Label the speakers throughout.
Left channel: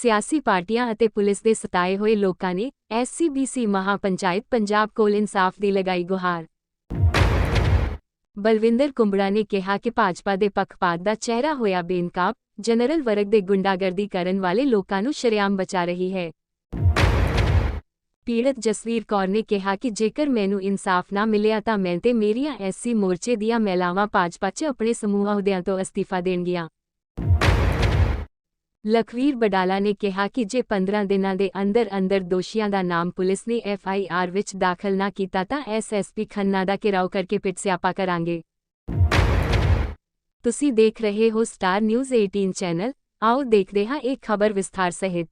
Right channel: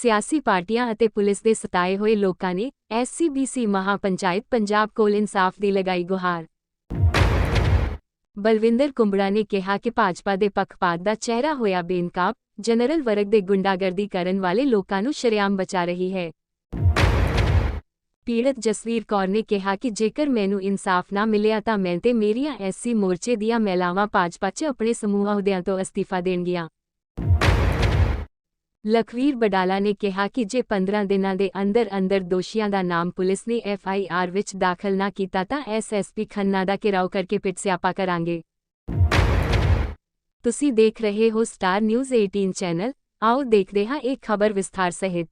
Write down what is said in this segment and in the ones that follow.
Speaker 1: ਸਿਆਸੀ ਪਾਰਟੀਆਂ ਅਤੇ ਪੁਲਿਸ ਦੇ ਸਤਾਏ ਹੋਏ ਲੋਕਾਂ ਨੇ ਐਸਸੀਬੀਸੀ ਮਹਾਪੰਚਾਇਤ ਪੰਜਾਬ ਕੋਲ ਇਨਸਾਫ ਦੀ ਲਗਾਈ ਗੁਹਾਰ। ਬਲਵਿੰਦਰ ਕੁੰਬੜਾ ਨੇ ਕਿਹਾ ਕਿ ਭਾਜਪਾ ਦੇ ਪੱਖਪਾਤ ਦਾ ਚਿਹਰਾ ਹੋਇਆ ਬੇਨਕਾਬ, ਜਨਰਲ ਵਰਗ ਦੇ ਗੁੰਡਾਗਰਦੀ ਕਰਨ ਵਾਲੇ ਲੋਕਾਂ ਨੂੰ ਸ਼ਰੇਆਮ ਬਚਾ ਰਹੀ ਹੈ। ਪੀੜਤ ਜਸਵੀਰ ਕੌਰ ਨੇ ਕਿਹਾ ਕਿ ਜੇਕਰ ਮੈਨੂੰ ਇਨਸਾਫ ਨਾ ਮਿਲਿਆ ਤਾਂ ਮੈਂ ਤੇ ਮੇਰੀਆਂ ਐਸਸੀ ਮੋਰਚੇ ਦੀਆਂ ਮਹਿਲਾਵਾਂ ਭਾਜਪਾ 'ਚ ਆਪਣੇ ਸਮੂਹ ਅਹੁਦਿਆਂ ਤੋਂ ਅਸਤੀਫਾ ਦੇਣਗੀਆਂ। ਲਖਵੀਰ ਬਡਾਲਾ ਨੇ ਕਿਹਾ ਕਿ ਜੇ 15 ਦਿਨਾਂ ਦੇ ਅੰਦਰ ਅੰਦਰ ਦੋਸ਼ੀਆਂ ਦਾ ਨਾਮ ਪੁਲਿਸ ਨੇ ਐਫਆਈਆਰ ਵਿੱਚ ਦਾਖਲ ਨਾ ਕੀਤਾ ਤਾਂ ਐਸਐਸਪੀ ਖੰਨਾ ਦਾ ਘਿਰਾਓ ਕਰਕੇ ਪਿੱਟ ਸਿਆਪਾ ਕਰਾਂਗੇ। ਤੁਸੀਂ ਦੇਖ ਰਹੇ ਹੋ ਸਟਾਰ ਨਿਊਜ਼ 18 ਚੈਨਲ। ਆਓ ਦੇਖਦੇ ਹਾਂ ਇਹ ਖਬਰ ਵਿਸਥਾਰ ਸਹਿਤ।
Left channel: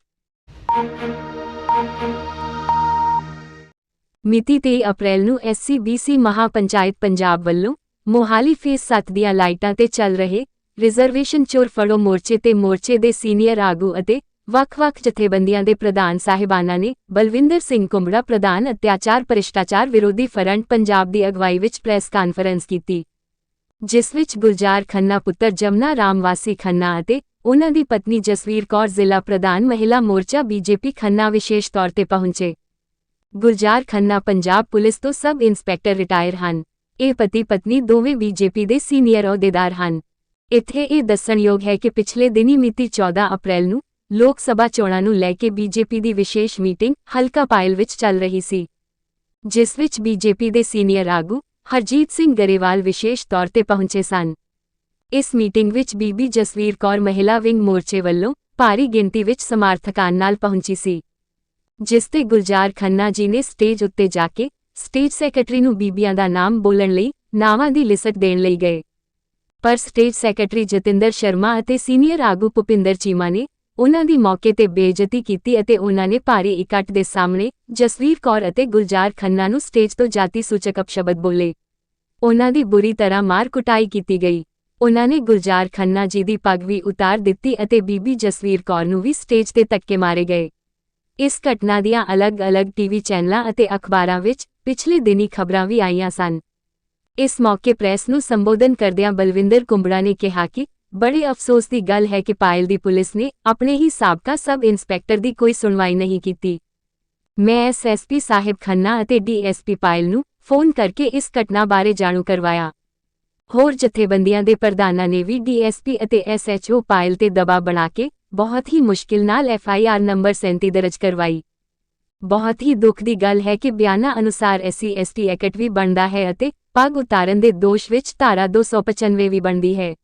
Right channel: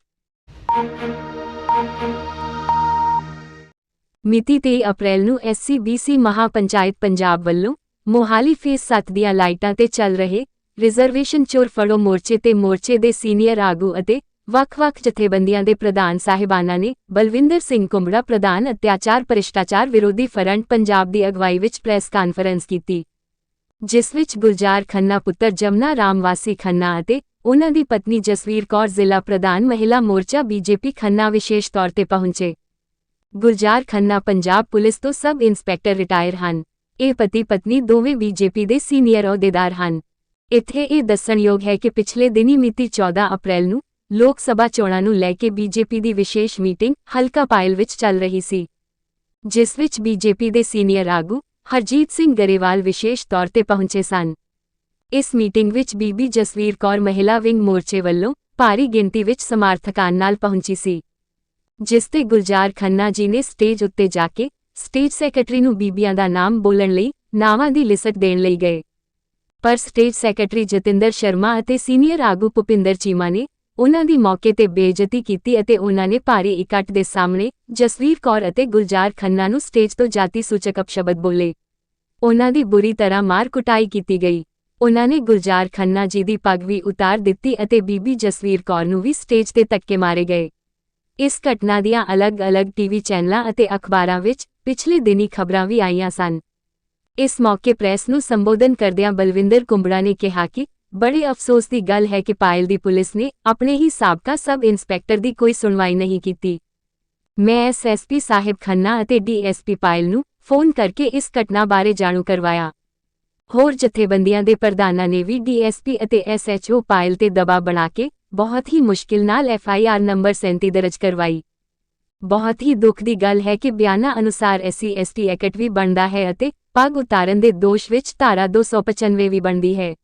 Speaker 1: ਮਿਤੀ 23 ਅਪ੍ਰੈਲ ਨੂੰ ਐਸਸੀਬੀਸੀ ਮਹਾਪੰਚਾਇਤ ਪੰਜਾਬ ਵੱਲੋਂ ਮੋਹਾਲੀ ਫੇਸ 7 ਦੀਆਂ ਲਾਈਟਾਂ ਤੇ ਚੱਲ ਰਹੇ ਰਿਜ਼ਰਵੇਸ਼ਨ ਚੋਰ ਫੜੋ ਮੋਰਚੇ ਤੇ ਮੋਰਚੇ ਦੇ ਸੀਨੀਅਰ ਆਗੂ ਅਤੇ ਵੱਖ-ਵੱਖ ਜਥੇਬੰਦੀਆਂ ਦੇ ਪ੍ਰਧਾਨ ਸਾਹਿਬਾਨਾਂ ਨੇ ਬਲਵਿੰਦਰ ਸਿੰਘ ਕੁੰਬੜਾ ਪ੍ਰਧਾਨ ਅਤਿਆਚਾਰ ਭ੍ਰਿਸ਼ਟਾਚਾਰ ਵਿਰੋਧੀ ਫਰੰਟ ਪੰਜਾਬ ਦੀ ਅਗਵਾਈ ਵਿੱਚ ਪ੍ਰੈਸ ਕਾਨਫਰੰਸ ਕੀਤੀ, ਜਿਸ ਵਿੱਚ ਗੁਲਜ਼ਾਰ ਖੰਨਾ ਪੁੱਤਰ ਜਮਨਾ ਰਾਮਵਾਸੀ ਖੰਨਾ ਅਤੇ ਉਹਨਾਂ ਦੀ ਪਤਨੀ ਜਸਵੀਰ ਕੌਰ ਜ਼ਿਲ੍ਹਾ ਪ੍ਰਧਾਨ ਮਹਿਲਾ ਮੋਰਚਾ ਬੀਜੇਪੀ ਖੰਨਾ ਵਿਸ਼ੇਸ਼ ਤੌਰ ਤੇ ਪਹੁੰਚੇ। ਗੁਲਜ਼ਾਰ ਖੰਨਾ ਪੰਜਾਬ ਪੁਲਿਸ ਤੋਂ ਸਬ ਇੰਸਪੈਕਟਰ ਰਿਟਾਇਰ ਹਨ। ਇਹ ਪਤੀ ਪਤਨੀ ਦੋਵੇਂ ਬੀਜੇਪੀ ਦੇ ਸੀਨੀਅਰ ਅਹੁਦੇਦਾਰ ਹਨ। ਇੱਥੇ ਇਹ ਦੱਸਣਯੋਗ ਹੈ ਕਿ ਪਿਛਲੇ ਦਿਨੀ ਮਿਤੀ 14 ਅਪ੍ਰੈਲ ਨੂੰ ਲੋਕ ਸਭਾ ਚੋਣਾਂ ਨੂੰ ਲੈ ਕੇ ਬੀਜੇਪੀ ਦੀ ਵਿਸ਼ੇਸ਼ ਮੀਟਿੰਗ ਹਲਕਾ ਪਾਇਲ ਵਿੱਚ ਚੱਲ ਰਹੀ ਸੀ, ਜਿਸ ਵਿੱਚ ਬੀਜੇਪੀ ਦੇ ਸੀਨੀਅਰ ਆਗੂ ਹਰਜੀਤ ਸਿੰਘ ਗਰੇਵਾਲ ਵਿਸ਼ੇਸ਼ ਤੌਰ ਤੇ ਪਹੁੰਚੇ ਸਨ। ਇਸ ਮੀਟਿੰਗ ਵਿੱਚ ਬੀਬੀ ਜਸਵੀਰ ਕੌਰ ਮਹਿਲਾ ਵਿੰਗ ਮੋਰਚੇ ਵੱਲੋਂ ਭਾਰੀ ਗਿਣਤੀ ਵਿੱਚ ਸਮਰਥਕਾਂ ਨਾਲ ਪਹੁੰਚੀ ਸੀ, ਜਿਸ ਤੇ ਗੁਲਜ਼ਾਰ ਖੰਨਾ ਜੀ ਨੇ ਸਟੇਜ ਉੱਤੇ ਜਾ ਕੇ ਸਟੇਜ ਸੈਕਟਰੀ ਨੂੰ ਬੀਬੀਆਂ ਦਾ ਨਾਮ ਬੋਲਣ ਲਈ ਨਾਵਾਂ ਦੀ ਲਿਸਟ ਦੇਣ ਲਈ ਗਏ। ਪਰ ਸਟੇਜ ਸੈਕਟਰੀ ਜਤਿੰਦਰ ਸ਼ਰਮਾ ਅਤੇ ਸੀਨੀਅਰ ਆਗੂ ਭੁਪਿੰਦਰ ਚੀਮਾ ਨੇ ਉਹਨਾਂ ਦੀ ਮੌਕੇ ਤੇ ਬੇਇੱਜ਼ਤੀ ਕੀਤੀ ਅਤੇ ਉਹਨਾਂ ਨੇ ਭਾਰੀ ਇਕੱਠ ਦੇ ਸਾਹਮਣੇ ਜਸਵੀਰ ਕੌਰ ਅਤੇ ਗੁਲਜ਼ਾਰ ਖੰਨਾ ਨੂੰ ਸਟੇਜ ਤੋਂ ਜਾਤੀ ਸੂਚਕ ਸ਼ਬਦ ਬੋਲੇ। ਉਹਨਾਂ ਦੀ ਬੁਰੀ ਤਰ੍ਹਾਂ ਮਾਰ ਕੁਟਾਈ ਕੀਤੀ ਗਈ। ਉਹਨਾਂ ਨੇ ਗੁਲਜ਼ਾਰ ਖੰਨਾ ਜੀ ਦੀ ਪੱਗ ਵੀ ਉਤਾਰ ਦਿੱਤੀ ਅਤੇ ਬੀਬੀ ਜਸਵੀਰ ਕੌਰ ਨੂੰ ਵੀ ਸਟੇਜ ਤੇ ਧੱਕੇ ਮਾਰੇ ਗਏ। ਇਸ ਘਟਨਾ ਦੀਆਂ ਅਲੱਗ-ਅਲੱਗ ਟੀਵੀ ਚੈਨਲਾਂ ਅਤੇ ਅਖਬਾਰਾਂ ਵਿੱਚ ਪਿਛਲੇ ਦਿਨੀ ਖਬਰਾਂ ਵੀ ਆਈਆਂ ਸਨ। ਇਸ ਮੌਕੇ ਪ੍ਰੈਸ ਨੂੰ ਸੰਬੋਧਨ ਕਰਦਿਆਂ ਬਲਵਿੰਦਰ ਕੁੰਬੜਾ ਨੇ ਕਿਹਾ ਕਿ ਬੜੇ ਅਫਸੋਸ ਦੀ ਗੱਲ ਹੈ ਕਿ ਪਾਇਲ ਦੀ ਪੁਲਿਸ ਨੇ ਆਪਣੇ ਹੀ ਸਾਬਕਾ ਸਬ ਇੰਸਪੈਕਟਰ ਦੀ ਕੋਈ ਸੁਣਵਾਈ ਨਹੀਂ ਕੀਤੀ। ਮੈਂ ਐਸਐਸਪੀ ਸਾਹਿਬ ਖੰਨਾ ਅਤੇ ਡੀਐਸਪੀ ਪਾਇਲ ਨੂੰ ਫੋਨ ਕਰਕੇ ਇਸ ਘਟਨਾ ਬਾਰੇ ਜਾਣੂ ਕਰਵਾਇਆ। ਹੋਰ ਜਥੇਬੰਦੀਆਂ ਦੇ ਪ੍ਰਧਾਨਾਂ ਨੇ ਵੀ ਡੀਐਸਪੀ ਅਤੇ ਐਸਐਚਓ ਪਾਇਲ ਤੇ ਦਬਾਅ ਬਣਾ ਕੇ ਬਹੁਤ ਹੀ ਮੁਸ਼ਕਿਲ ਨਾਲ ਐਫਆਈਆਰ ਨੰਬਰ 37 ਦਰਜ ਕਰਵਾਈ। ਬਹੁਤ ਹੀ ਦੁੱਖ ਦੀ ਗੱਲ ਹੈ ਕਿ ਬਿਆਨਾਂ ਅਨੁਸਾਰ ਐਸਸੀ, ਐਸਟੀ ਐਕਟ ਵੀ ਬਣਦਾ ਹੈ ਅਤੇ ਪੱਗ ਉਤਾਰਨ ਦੇ ਦੋਸ਼ ਵਿੱਚ ਧਾਰਾ 295 ਵੀ ਬਣਦੀ ਹੈ।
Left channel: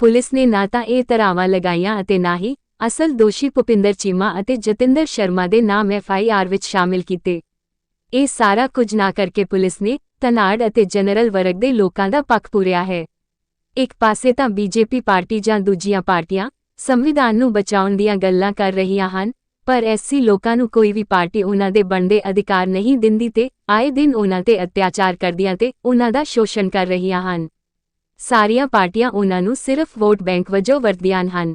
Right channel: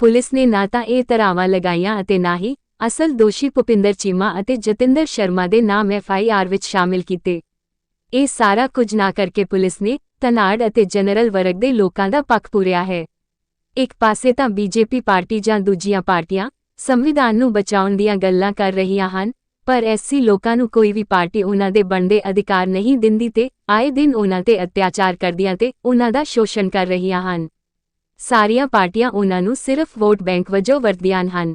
Speaker 1: ਪੁਲਿਸ ਨੇ ਨਾ ਤਾਂ ਇਹ ਧਾਰਾਵਾਂ ਲਗਾਈਆਂ ਅਤੇ ਨਾ ਹੀ ਅਸਲ ਦੋਸ਼ੀ ਭੁਪਿੰਦਰ ਚੀਮਾ ਅਤੇ ਜਤਿੰਦਰ ਸ਼ਰਮਾ ਦੇ ਨਾਮ ਐਫਆਈਆਰ ਵਿੱਚ ਸ਼ਾਮਿਲ ਕੀਤੇ। ਇਹ ਸਾਰਾ ਕੁਝ ਨਾ ਕਰਕੇ ਪੁਲਿਸ ਨੇ ਤਨਾੜ ਅਤੇ ਜਨਰਲ ਵਰਗ ਦੇ ਲੋਕਾਂ ਦਾ ਪੱਖ ਪੂਰਿਆ ਹੈ। ਇੱਕ ਪਾਸੇ ਤਾਂ ਬੀਜੇਪੀ ਪਾਰਟੀ ਜਾਂ ਦੂਜੀਆਂ ਪਾਰਟੀਆਂ ਸੰਵਿਧਾਨ ਨੂੰ ਬਚਾਉਣ ਦੀਆਂ ਗੱਲਾਂ ਕਰ ਰਹੀਆਂ ਹਨ ਪਰ ਐਸੀ ਲੋਕਾਂ ਨੂੰ ਕੋਈ ਵੀ ਪਾਰਟੀ ਉਹਨਾਂ ਦੇ ਬਣਦੇ ਅਧਿਕਾਰ ਨਹੀਂ ਦਿੰਦੀ ਤੇ ਆਏ ਦਿਨ ਉਹਨਾਂ ਤੇ ਅਤਿਆਚਾਰ ਕਰਦੀਆਂ ਤੇ ਉਹਨਾਂ ਦਾ ਸ਼ੋਸ਼ਣ ਕਰ ਰਹੀਆਂ ਹਨ। ਸਾਰੀਆਂ ਪਾਰਟੀਆਂ ਉਹਨਾਂ ਨੂੰ ਸਿਰਫ ਵੋਟ ਬੈਂਕ ਵਜੋਂ ਵਰਤਦੀਆਂ ਹਨ।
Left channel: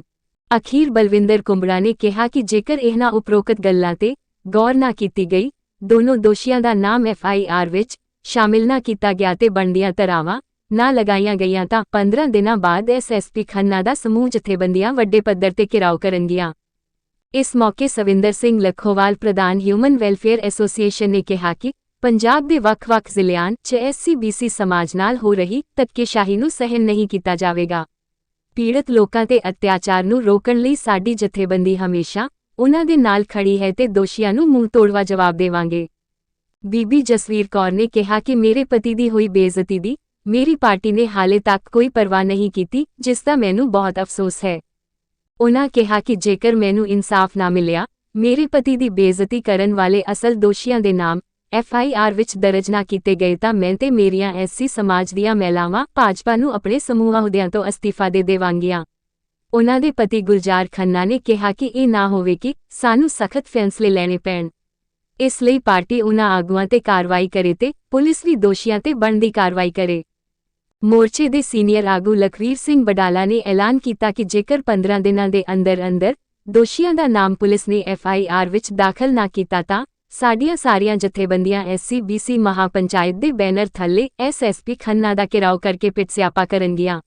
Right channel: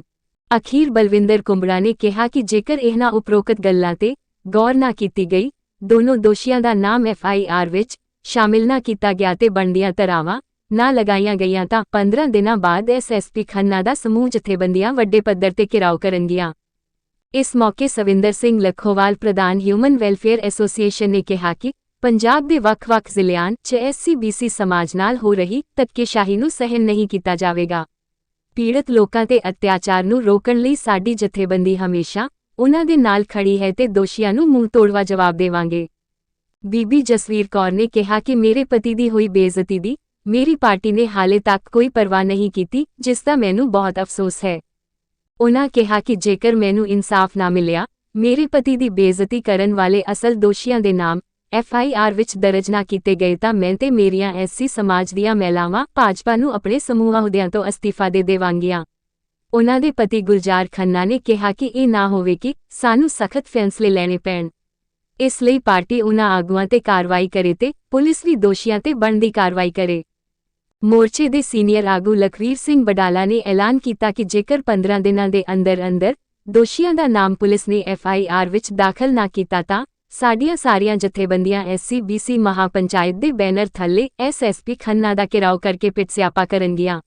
Speaker 1: ਅਖੀਰ ਬਲਵਿੰਦਰ ਕੁੰਬੜਾ ਨੇ ਕਿਹਾ ਕਿ ਜੇਕਰ ਇਹਨਾਂ ਉਪਰੋਕਤ ਗੱਲਾਂ ਤੇ ਗੌਰ ਨਾ ਕੀਤੀ ਗਈ, ਦੋਨੋਂ ਦੋਸ਼ੀਆਂ ਦਾ ਨਾਮ ਐਫਆਈਆਰ ਵਿੱਚ ਸ਼ਾਮਿਲ ਨਾ ਕੀਤਾ ਗਿਆ ਤੇ ਬਣਦੀਆਂ ਧਰਾਵਾਂ ਨਾ ਲਗਾਈਆਂ ਗਈਆਂ ਤਾਂ 15 ਦਿਨਾਂ ਬਾਅਦ ਐਸਐਸਪੀ ਖੰਨਾ ਦਾ ਸਮੂਹ ਜਥੇਬੰਦੀਆਂ ਵੱਡੇ ਪੱਧਰ ਤੇ ਘਿਰਾਓ ਕਰਨਗੀਆਂ। ਇਸ ਮੌਕੇ ਸਵਿੰਦਰ ਸਿੰਘ ਲਖੋਵਾਲ ਪ੍ਰਧਾਨ ਹਿਊਮਨ ਵੈਲਫੇਅਰ ਐਸੋਸੀਏਸ਼ਨ ਨੇ ਕਿਹਾ ਕਿ ਪੰਜਾਬ ਦੇ ਵੱਖ-ਵੱਖ ਜ਼ਿਲ੍ਹਿਆਂ 'ਚ ਐਸਸੀਬੀਸੀ ਸਮਾਜ ਨਾਲ ਹੋ ਰਹੀ ਤੱਕੇਸ਼ਾਹੀ ਨੂੰ ਸਹਿਨ ਨਹੀਂ ਕੀਤਾ ਜਾਵੇਗਾ। ਪੀੜਤ ਲੋਕਾਂ ਤੇ ਅਤਿਆਚਾਰ ਨੂੰ ਰੋਕਣ ਲਈ ਸਾਡੀ ਜਥੇਬੰਦੀ ਹਮੇਸ਼ਾ ਉਹਨਾਂ ਦੇ ਨਾਲ ਖੜੀ ਹੈ ਤੇ ਦੋਸ਼ੀਆਂ ਨੂੰ ਮੂੰਹ ਤੋੜਵਾ ਜਵਾਬ ਦੇਵਾਂਗੇ। ਬੀਬੀ ਜਸਵੀਰ ਕੌਰ ਨੇ ਕਿਹਾ ਕਿ ਮੇਰੇ ਪਤੀ ਦੀ ਹੋਈ ਬੇਇੱਜ਼ਤੀ ਦੀ ਮੇਰੀ ਪਾਰਟੀ ਨੇ ਹਾਲੇ ਤੱਕ ਕੋਈ ਪਰਵਾਹ ਨਹੀਂ ਕੀਤੀ, ਜਿਸ ਦਾ ਮੈਨੂੰ ਬਹੁਤ ਅਫਸੋਸ ਹੈ। ਉਨ੍ਹਾਂ ਕਿਹਾ ਕਿ ਜੇਕਰ ਮੈਨੂੰ ਇਨਸਾਫ ਨਾ ਮਿਲਿਆ, ਮੇਰੇ ਪਤੀ ਦੀ ਬੇਇੱਜ਼ਤੀ ਕਰਨ ਵਾਲੇ ਅਸਲ ਦੋਸ਼ੀਆਂ ਦੇ ਨਾਮ ਐਫ ਆਈ ਆਰ ਵਿੱਚ ਦਰਜ ਨਾ ਕੀਤੇ ਗਏ ਤਾਂ ਮੈਂ ਤੇ ਮੇਰੀਆਂ ਐਸਸੀ ਸਮਾਜ ਦੀਆਂ ਮਹਿਲਾਵਾਂ ਭਾਜਪਾ ਨੂੰ ਆਪਣੇ ਸਮੂਹਾਂ ਅਹੁਦਿਆਂ ਤੋਂ ਅਸਤੀਫਾ ਦੇ ਦੇਵਾਂਗੀਆਂ। ਉਨ੍ਹਾਂ ਦੇ ਪਤੀ ਗੁਲਜ਼ਾਰ ਖੰਨਾ ਨੇ ਕਿਹਾ ਕਿ ਇਹ ਨਾ ਹੋਵੇ ਕਿ ਸਾਨੂੰ ਸਖਤ ਫੈਸਲੇ ਲੈਣੇ ਪੈਣ। ਇਸ ਲਈ ਪਾਰਟੀ ਉਨ੍ਹਾਂ ਆਗੂਆਂ ਤੇ ਕਾਰਵਾਈ ਕਰੇ ਤੇ ਪੁਲਿਸ ਵੀ ਦੋਸ਼ੀਆਂ ਤੇ ਬਣਦੀ ਕਾਰਵਾਈ ਕਰੇ। ਮੋਰਚੇ ਦੇ ਸੀਨੀਅਰ ਆਗੂ ਲਖਵੀਰ ਸਿੰਘ ਬਡਾਲਾ ਨੇ ਐਲਾਨ ਕੀਤਾ ਕਿ ਜੇਕਰ 15 ਦਿਨਾਂ ਦੇ ਅੰਦਰ ਅੰਦਰ ਦੋਸ਼ੀਆਂ ਦਾ ਨਾਮ ਪੁਲਿਸ ਨੇ ਐਫ ਆਈ ਆਰ ਵਿੱਚ ਦਾਖਲ ਨਾ ਕੀਤਾ ਤਾਂ ਸਾਡੀਆਂ ਸਾਰੀਆਂ ਜਥੇਬੰਦੀਆਂ ਐਸਸੀਬੀਸੀ ਮਹਾਪੰਚਾਇਤ ਦੇ ਬੈਨਰ ਥੱਲੇ ਐਸਐਸਪੀ ਖੰਨਾ ਦਾ ਘਿਰਾਓ ਕਰਕੇ ਪਿੱਟ ਸਿਆਪਾ ਕਰਨਗੀਆਂ।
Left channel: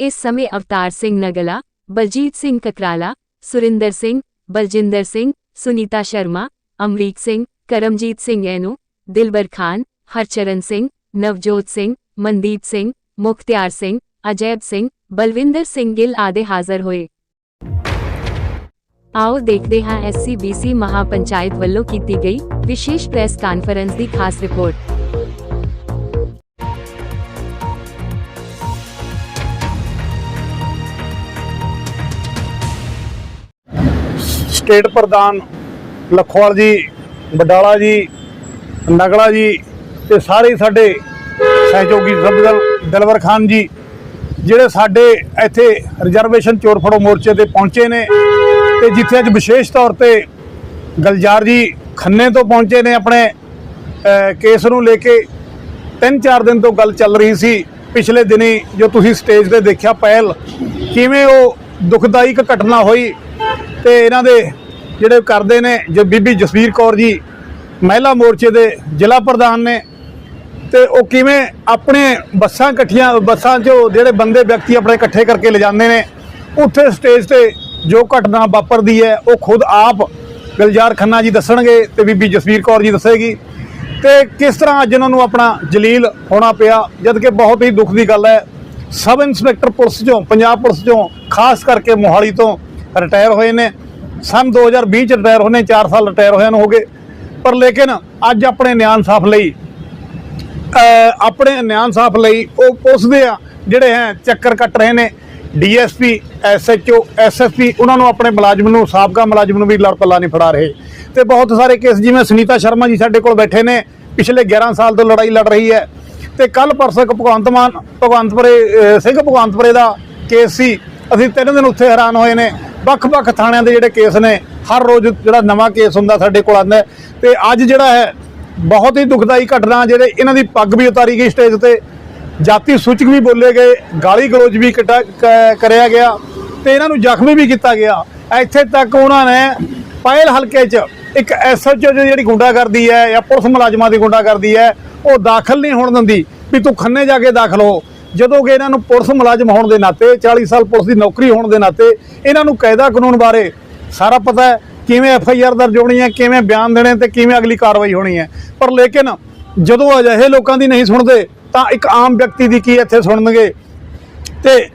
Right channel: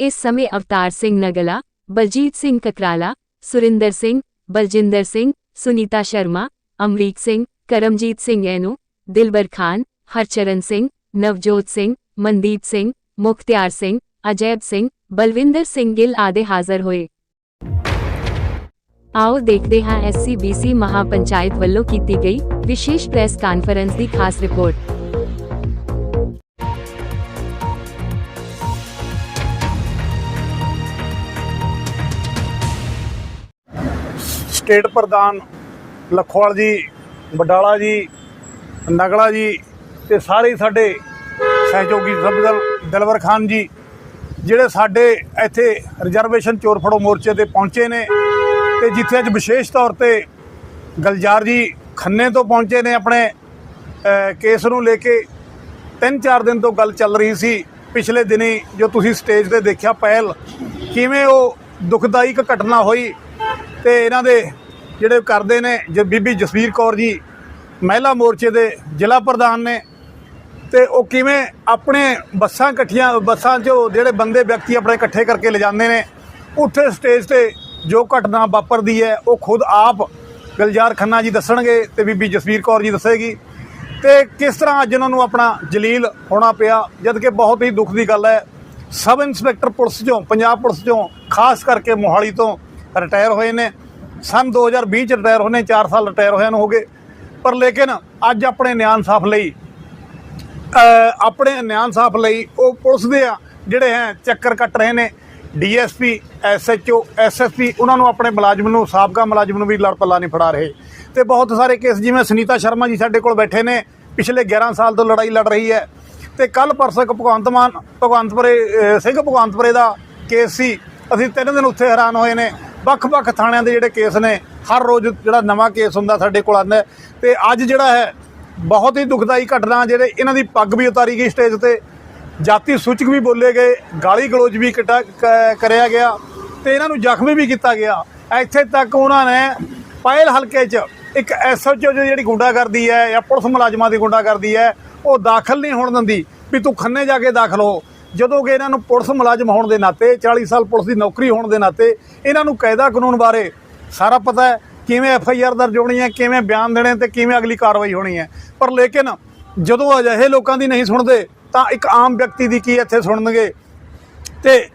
Speaker 1: ਇਸ ਸਮੇਂ ਅਵਤਾਰ ਸਿੰਘ ਨਗਲਾ, ਬਲਜੀਤ ਸਿੰਘ ਕਕਰਾਲਾ, ਸੁਰਿੰਦਰ ਸਿੰਘ, ਬਲਜਿੰਦਰ ਸਿੰਘ, ਸੁਨੀਤਾ ਸ਼ਰਮਾ, ਅਮਰੀਕ ਸਿੰਘ, ਕਰਮਜੀਤ ਸਿੰਘ ਐਨੋ, ਦਿਲਬਰ ਖਾਨ, ਹਰਚਰਨ ਸਿੰਘ, ਨਵਜੋਤ ਸਿੰਘ ਮਨਦੀਪ ਸਿੰਘ, ਮੁਖਤਿਆਰ ਸਿੰਘ, ਅਜੈਬ ਸਿੰਘ, ਬਲਵਿੰਦਰ ਸਿੰਘ ਗਿੱਲ ਆਦਿ ਹਾਜ਼ਰ ਹੋਏ। ਆਓ ਦੇਖਦੇ ਹਾਂ ਐਸਸੀਬੀਸੀ ਮਹਾਪੰਚਾਇਤ ਵੱਲੋਂ ਕੀਤੀ ਗਈ ਵਿਸ਼ੇਸ਼ ਪ੍ਰੈਸ ਕਾਨਫਰੰਸ ਦੀ ਖਾਸ ਰਿਪੋਰਟ।
Speaker 2: ਸਟੇਟ ਪ੍ਰਧਾਨ ਲਖਵਾਲ ਜੀ ਬਡਾਲਾ ਜੀ, ਨਗਲਾ ਜੀ ਤੇ ਸਾਰੇ ਸਾਡੇ ਸਹਿਯੋਗੀ ਸਭਦਲ ਦਲਵਰ ਖਾਨ ਜੀ, ਜਿਹੜੇ ਸਾਡੇ ਇੱਥੇ ਰਿਜ਼ਰਵੇਸ਼ਨ ਚੋਰ ਫੜੋ ਮੋਰਚੇ ਤੇ ਪਹੁੰਚੇ ਨੇ ਤੇ ਜਿੱਥੇ ਅੱਜ ਵਿਸ਼ੇਸ਼ ਤੌਰ ਤੇ ਗਲਜਾਰ ਜੀ ਖੰਨੇ ਤੋਂ ਪਹੁੰਚੇ ਨੇ ਆਪਣੇ ਕੇਸ ਨੂੰ ਲੈ ਕੇ। ਤਿੰਨ ਚਾਰ ਦਿਨ ਤੋਂ ਗੱਲ ਚੱਲ ਰਹੀ ਸੀ ਪਿਛਲੇ ਦਿਨੀ, ਜੋ ਤੁਸੀਂ ਸਟੇਜ ਤੇ ਦੇਖਿਆ ਪਹਿਲ, ਕਿਵੇਂ ਉਹ ਦੁਖਦਾਈ ਇੱਕ ਘਟਨਾ ਹੋਈ ਤੇ ਇਹਨਾਂ ਦੇ ਜਿਹੜੇ ਕਰਦੇ ਨੇ, ਜੋ ਬੀਬੀ ਜਸਵੀਰ ਕੌਰ ਜੀ, ਮਹਿਲਾ ਮੋਰਚੇ ਦੇ ਜ਼ਿਲ੍ਹਾ ਪ੍ਰਧਾਨ ਨੇ ਤੇ ਉਹ ਕਿਵੇਂ ਆਪਣੇ ਬੱਸਾਂ ਇਕੱਠੀਆਂ, ਬੱਸਾਂ 'ਚੋਂ ਜਿਹੜੇ ਬੰਦੇ, ਵਿਅਕਤੀ ਆਪਣੇ ਇਕੱਠੇ ਕਰਕੇ ਲਿਜਾਂਦੇ ਨੇ, ਉੱਥੇ ਸਟੇਜ ਤੇ ਜੋ ਘਟਨਾ ਵਾਪਰਦੀ ਹੈ, ਉਹ ਖੁਦ ਆਪ ਗੁਲਜ਼ਾਰ ਖੰਨਾ ਜੀ ਦੱਸਣਗੇ ਤੇ ਬੀਬੀ ਜਸਵੀਰ ਕੌਰ ਜੀ ਦੱਸੇਗੀ। ਤੇ ਕਿਸ ਤਰ੍ਹਾਂ ਅੱਜ ਉਹਨਾਂ ਨੂੰ ਆਪਣਾ ਜਲੀਲ ਹੋਣਾ ਪਿਆ ਜਦ ਕਿ ਬਹੁਤ ਹੀ ਦੁੱਖ ਦੀ ਗੱਲ ਹੈ, ਸਬ ਇੰਸਪੈਕਟਰ ਪੁਲਿਸ ਚੋਂ, ਪੰਜਾਬ ਪੁਲਿਸ ਚੋਂ, ਖਾਸ ਕਰਕੇ ਮੋਹਾਲੀ ਤੋਂ ਰਿਟਾਇਰ ਹੋਏ ਨੇ। ਸਨ 2020 ਚ ਰਿਟਾਇਰ ਹੋਏ ਨੇ 4 ਸਾਲ ਰਿਟਾਇਰ ਹੋਇਆਂ ਨੂੰ ਹੋ ਗਏ। ਪਰ ਲੇਕਿਨ ਅੱਜ ਆਪਣੇ ਨਿਆਂ ਇਨਸਾਫ ਲਈ ਆਪਣੇ ਨਿਆਂ ਇਨਸਾਫ ਲਈ ਉਹ ਪੁਲਿਸ ਦੇ ਆ, ਜਿਹੜੇ ਹੈ ਚੱਕਰ ਕੱਟ ਰਹੇ ਨੇ। ਡੀਐਸਪੀ, ਐਸਐਚਓ, ਐਸਐਸਪੀ, ਉਹਨਾਂ ਨੂੰ ਆਪਣੇ ਮੁਲਾਜ਼ਮ ਨੂੰ, ਸਾਬਕਾ ਮੁਲਾਜ਼ਮ ਨੂੰ ਵੀ ਲੜ ਪੱਲਾ ਨਹੀਂ ਫੜਾ ਰਹੇ। ਤੇ ਬਹੁਤ ਸਾਰੇ ਕੇਸ ਜਿਵੇਂ ਸੁਨੀਤਾ ਸ਼ਰਮਾ ਜੀ ਸਾਡੇ ਕੋਲ ਬੈਠੇ ਨੇ, ਪਿਛਲੇ 11 ਸਾਲ ਤੋਂ ਲੜਾਈ ਲੜ ਰਹੀ ਹੈ। ਤੇ ਕੱਲ ਪਰਸੋਂ ਇੱਕ ਭਗਵੰਤ ਮਾਨ, ਭਗਵੰਤਪੁਰੇ ਸਿੰਘ ਭਗਵੰਤਪੁਰੇ ਦਾ ਕੇਸ ਸੀ। ਅਸੀਂ ਤਿੰਨ ਦਿਨ ਉੱਥੇ ਹੈਰਾਨ ਹੋਏ ਨੇ। ਵੱਖ-ਵੱਖ ਥਾਣਿਆਂ ਦੇ ਜਿਹੜੇ ਕੇਸ ਨੇ, ਹਰ ਰੋਜ਼ ਜਿਹੜਾ ਨਵਾਂ ਕੇਸ ਹੁੰਦਾ ਸਾਡੇ ਕੋਲ ਆਉਂਦਾ ਹੈ। ਤੇ ਅੱਜ ਜਿਹੜਾ ਹੈ ਬਹੁਤ ਹੀ ਦੁਖਦਾਈ ਘਟਨਾ ਜਿਹੜੇ ਇਹਨਾਂ ਦੀ ਪੱਗ ਵੀ ਉਤਾਰੀ ਗਈ ਸਟੇਜ ਤੇ। ਜਾਤੀ ਸੂਚਕ ਵੀ ਬੋਲੇ ਗਏ, ਗਾਲੀ ਗਲੋਚ ਵੀ ਕਟਾ- ਕ- ਕਰਿਆ ਗਿਆ ਤੇ ਇਹਨਾਂ ਨੂੰ ਜ਼ਖਮੀ ਵੀ ਕੀਤਾ ਗਿਆ। ਇੱਥੇ ਤੱਕ ਉਹਨਾਂ ਨੇ ਪਾਇਲ ਹਲਕੇ 'ਚ ਇੱਕ ਐਸਐਚਓ ਜਿਹੜੀ ਗੁੰਡਾਗਰਦੀ ਹੈ ਜਾਂ ਪੁਲਿਸ ਮੁਲਾਜ਼ਮਾਂ ਦੀ ਗੁੰਡਾਗਰਦੀ ਹੈ, ਉਹ ਦਾਖਲ ਨਹੀਂ ਹੋਣ ਦਿੰਦੀ ਵੀ ਤੂੰ ਖੰਨੇ ਜਾ ਕੇ ਦਾਖਲ ਹੋ। ਜਦੋਂ ਕਿ ਇਹਨਾਂ ਨੂੰ ਪੁਲਿਸ ਮੁਲਾਜ਼ਮ ਹੋਣ ਦੇ ਨਾਤੇ 40 ਸਾਲ ਪੁਲਿਸ ਦੀ ਨੌਕਰੀ ਹੋਣ ਦੇ ਨਾਤੇ ਇਹਨਾਂ ਨੂੰ ਕਾਇਦਾ ਕਾਨੂੰਨ ਬਾਰੇ ਸਾਰਾ ਪਤਾ ਹੈ, ਕਿਵੇਂ ਐਫ ਆਈ ਆਰ ਦਰਜ ਹੋਣੀ ਹੈ, ਕਿਵੇਂ ਬਿਆਨ ਦੇਣੇ ਤੇ ਕਿਵੇਂ ਅਗਲੀ ਕਾਰਵਾਈ ਹੋਣੀ ਹੈ। ਪਰ ਲੇਕਿਨ ਜਦੋਂ ਅਜਿਹੇ ਲੋਕਾਂ ਦੀ ਨਹੀਂ ਸੁਣਦੇ, ਤਾਂ ਇੱਕ ਆਮ ਵਿਅਕਤੀ ਦੀ ਕੀ ਇੱਥੇ ਸੁਣਨਗੇ? ਤੇ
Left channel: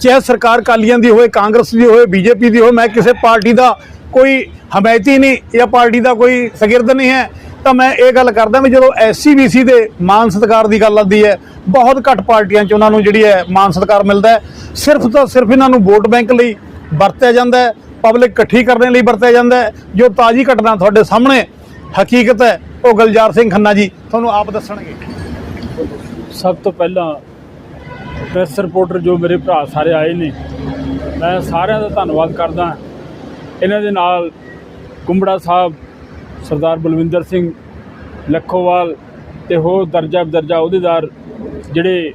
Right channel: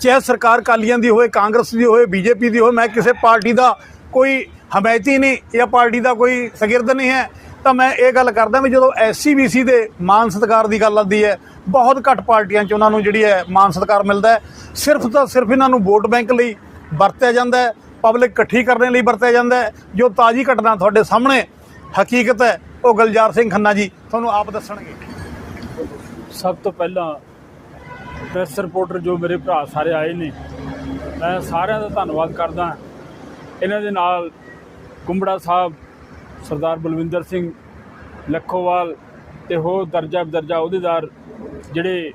Speaker 2: ਚਾਹੇ ਸਰਕਾਰ ਕਾਲੀਆਂ ਦੀ ਹੋਵੇ, ਕਾਂਗਰਸ ਦੀ ਹੋਵੇ, ਬੀਜੇਪੀ ਦੀ ਹੋਵੇ, ਮੈਂ ਕਿਸੇ ਪਾਰਟੀ ਦਾ ਕੋਈ ਹਮਾਇਤੀ ਨਹੀਂ ਜਾਂ ਪਾਰਟੀ ਦਾ ਕੋਈ ਸ਼ਗਿਰਦ ਨਹੀਂ ਹੈ, ਤਾਂ ਮੈਂ ਇਹ ਗੱਲ ਕਰਦਾ ਵੀ ਜਦੋਂ ਐਸਸੀਬੀਸੀ ਦੇ ਮਾਨ ਸਤਿਕਾਰ ਦੀ ਗੱਲ ਆਉਂਦੀ ਹੈ, ਬਹੁਤ ਘੱਟ ਪਾਰਟੀਆਂ 'ਚ ਉਹਨਾਂ ਨੂੰ ਜਿਹੜੀ ਹੈ ਮਾਨ ਸਤਿਕਾਰ ਮਿਲਦਾ ਸਿਰਫ ਤਾਂ ਸਿਰਫ ਇਹਨਾਂ ਨੂੰ ਵੋਟ ਬੈਂਕ ਲਈ ਵਰਤਿਆ ਜਾਂਦਾ ਪਬਲਿਕ ਇਕੱਠੀ ਕਰਨ ਲਈ ਵਰਤਿਆ ਜਾਂਦਾ ਜੋ ਤਾਜ਼ੀ ਘਟਨਾ ਤੁਹਾਡੇ ਸਾਹਮਣੇ ਹਕੀਕਤ ਹੈ ਉਹ ਗਲਜਾਰ ਸਿੰਘ ਖੰਨਾ ਜੀ, ਤੁਹਾਨੂੰ ਆਪ ਦੱਸਣਗੇ।
Speaker 3: ਸਭ ਤੋਂ ਪਹਿਲਾਂ ਪ੍ਰੈਸ ਰਿਪੋਰਟਰ ਜੋ ਮੇਰੇ ਭਰਾ ਸਾਰੇ ਆਏ ਨੇ, ਮੈਂ ਸਾਰਿਆਂ ਦਾ ਧੰਨਵਾਦ ਕਰਦਾ ਇਹਨਾਂ ਦੇ ਨਾਲ ਕੁੰਬੜਾ ਸਾਹਿਬ, ਸਰਦਾਰ ਬਲਵਿੰਦਰ ਸਿੰਘ ਲੱਖੋਵਾਲ ਤੇ ਹੋਰ ਦਰਜਾ ਬਦਰਜਾ ਅਹੁਦੇਦਾਰ ਜਿਹੜੇ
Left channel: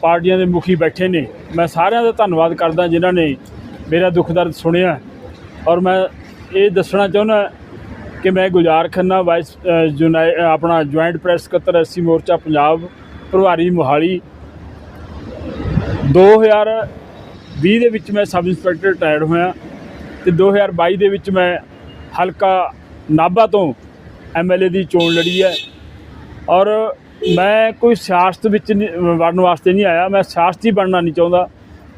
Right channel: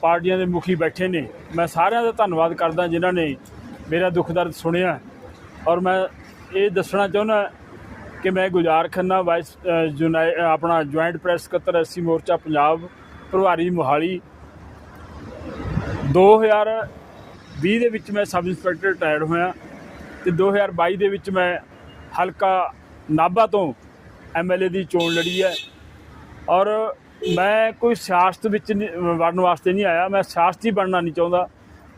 Speaker 3: ਪਾਰਟੀਆਂ ਦੇ ਮੁਖੀ ਬੈਠੇ ਨੇ, ਮੈਂ ਸਾਰਿਆਂ ਦਾ ਧੰਨਵਾਦ ਕਰਦਾ ਜਿਨ੍ਹਾਂ ਨੇ ਮੇਰਾ ਦੁੱਖ ਦਰਦ ਸੁਣਿਆ। ਔਰ ਮੈਂ ਇਹ ਦੱਸਣਾ ਚਾਹੁੰਦਾ ਕਿ ਮੈਂ ਗੁਲਜ਼ਾਰ ਖੰਨਾ ਵਾਈਸ ਅ, ਆਪਣਾ ਜੁਆਇੰਟ ਪ੍ਰੈਸ ਸਕੱਤਰ ਐਸਸੀ ਮੋਰਚਾ ਪੰਜਾਬ ਪ੍ਰਭਾਰੀ ਮੋਹਾਲੀ। 2020 ਦੇ ਵਿੱਚ ਮੈਂ ਸਬ ਇੰਸਪੈਕਟਰ ਰਿਟਾਇਰਡ ਹੋਇਆ ਤੇ 2022 ਦੇ ਵਿੱਚ ਮੈਂ ਹਲਕਾ ਨਾਭਾ ਤੋਂ ਐਮਐਲਏ ਦੀ ਚੋਣ ਲੜੀ ਹੈ। ਔਰ ਮੈਂ ਕੋਈ ਸਿਆਸਤ ਵਿੱਚ ਨਹੀਂ- ਵੜਨ ਵਾਸਤੇ ਨਹੀਂ ਆਇਆ। ਮੈਂ ਸਿਆਸਤੀ ਬਣਨਾ ਨਹੀਂ ਚਾਹੁੰਦਾ।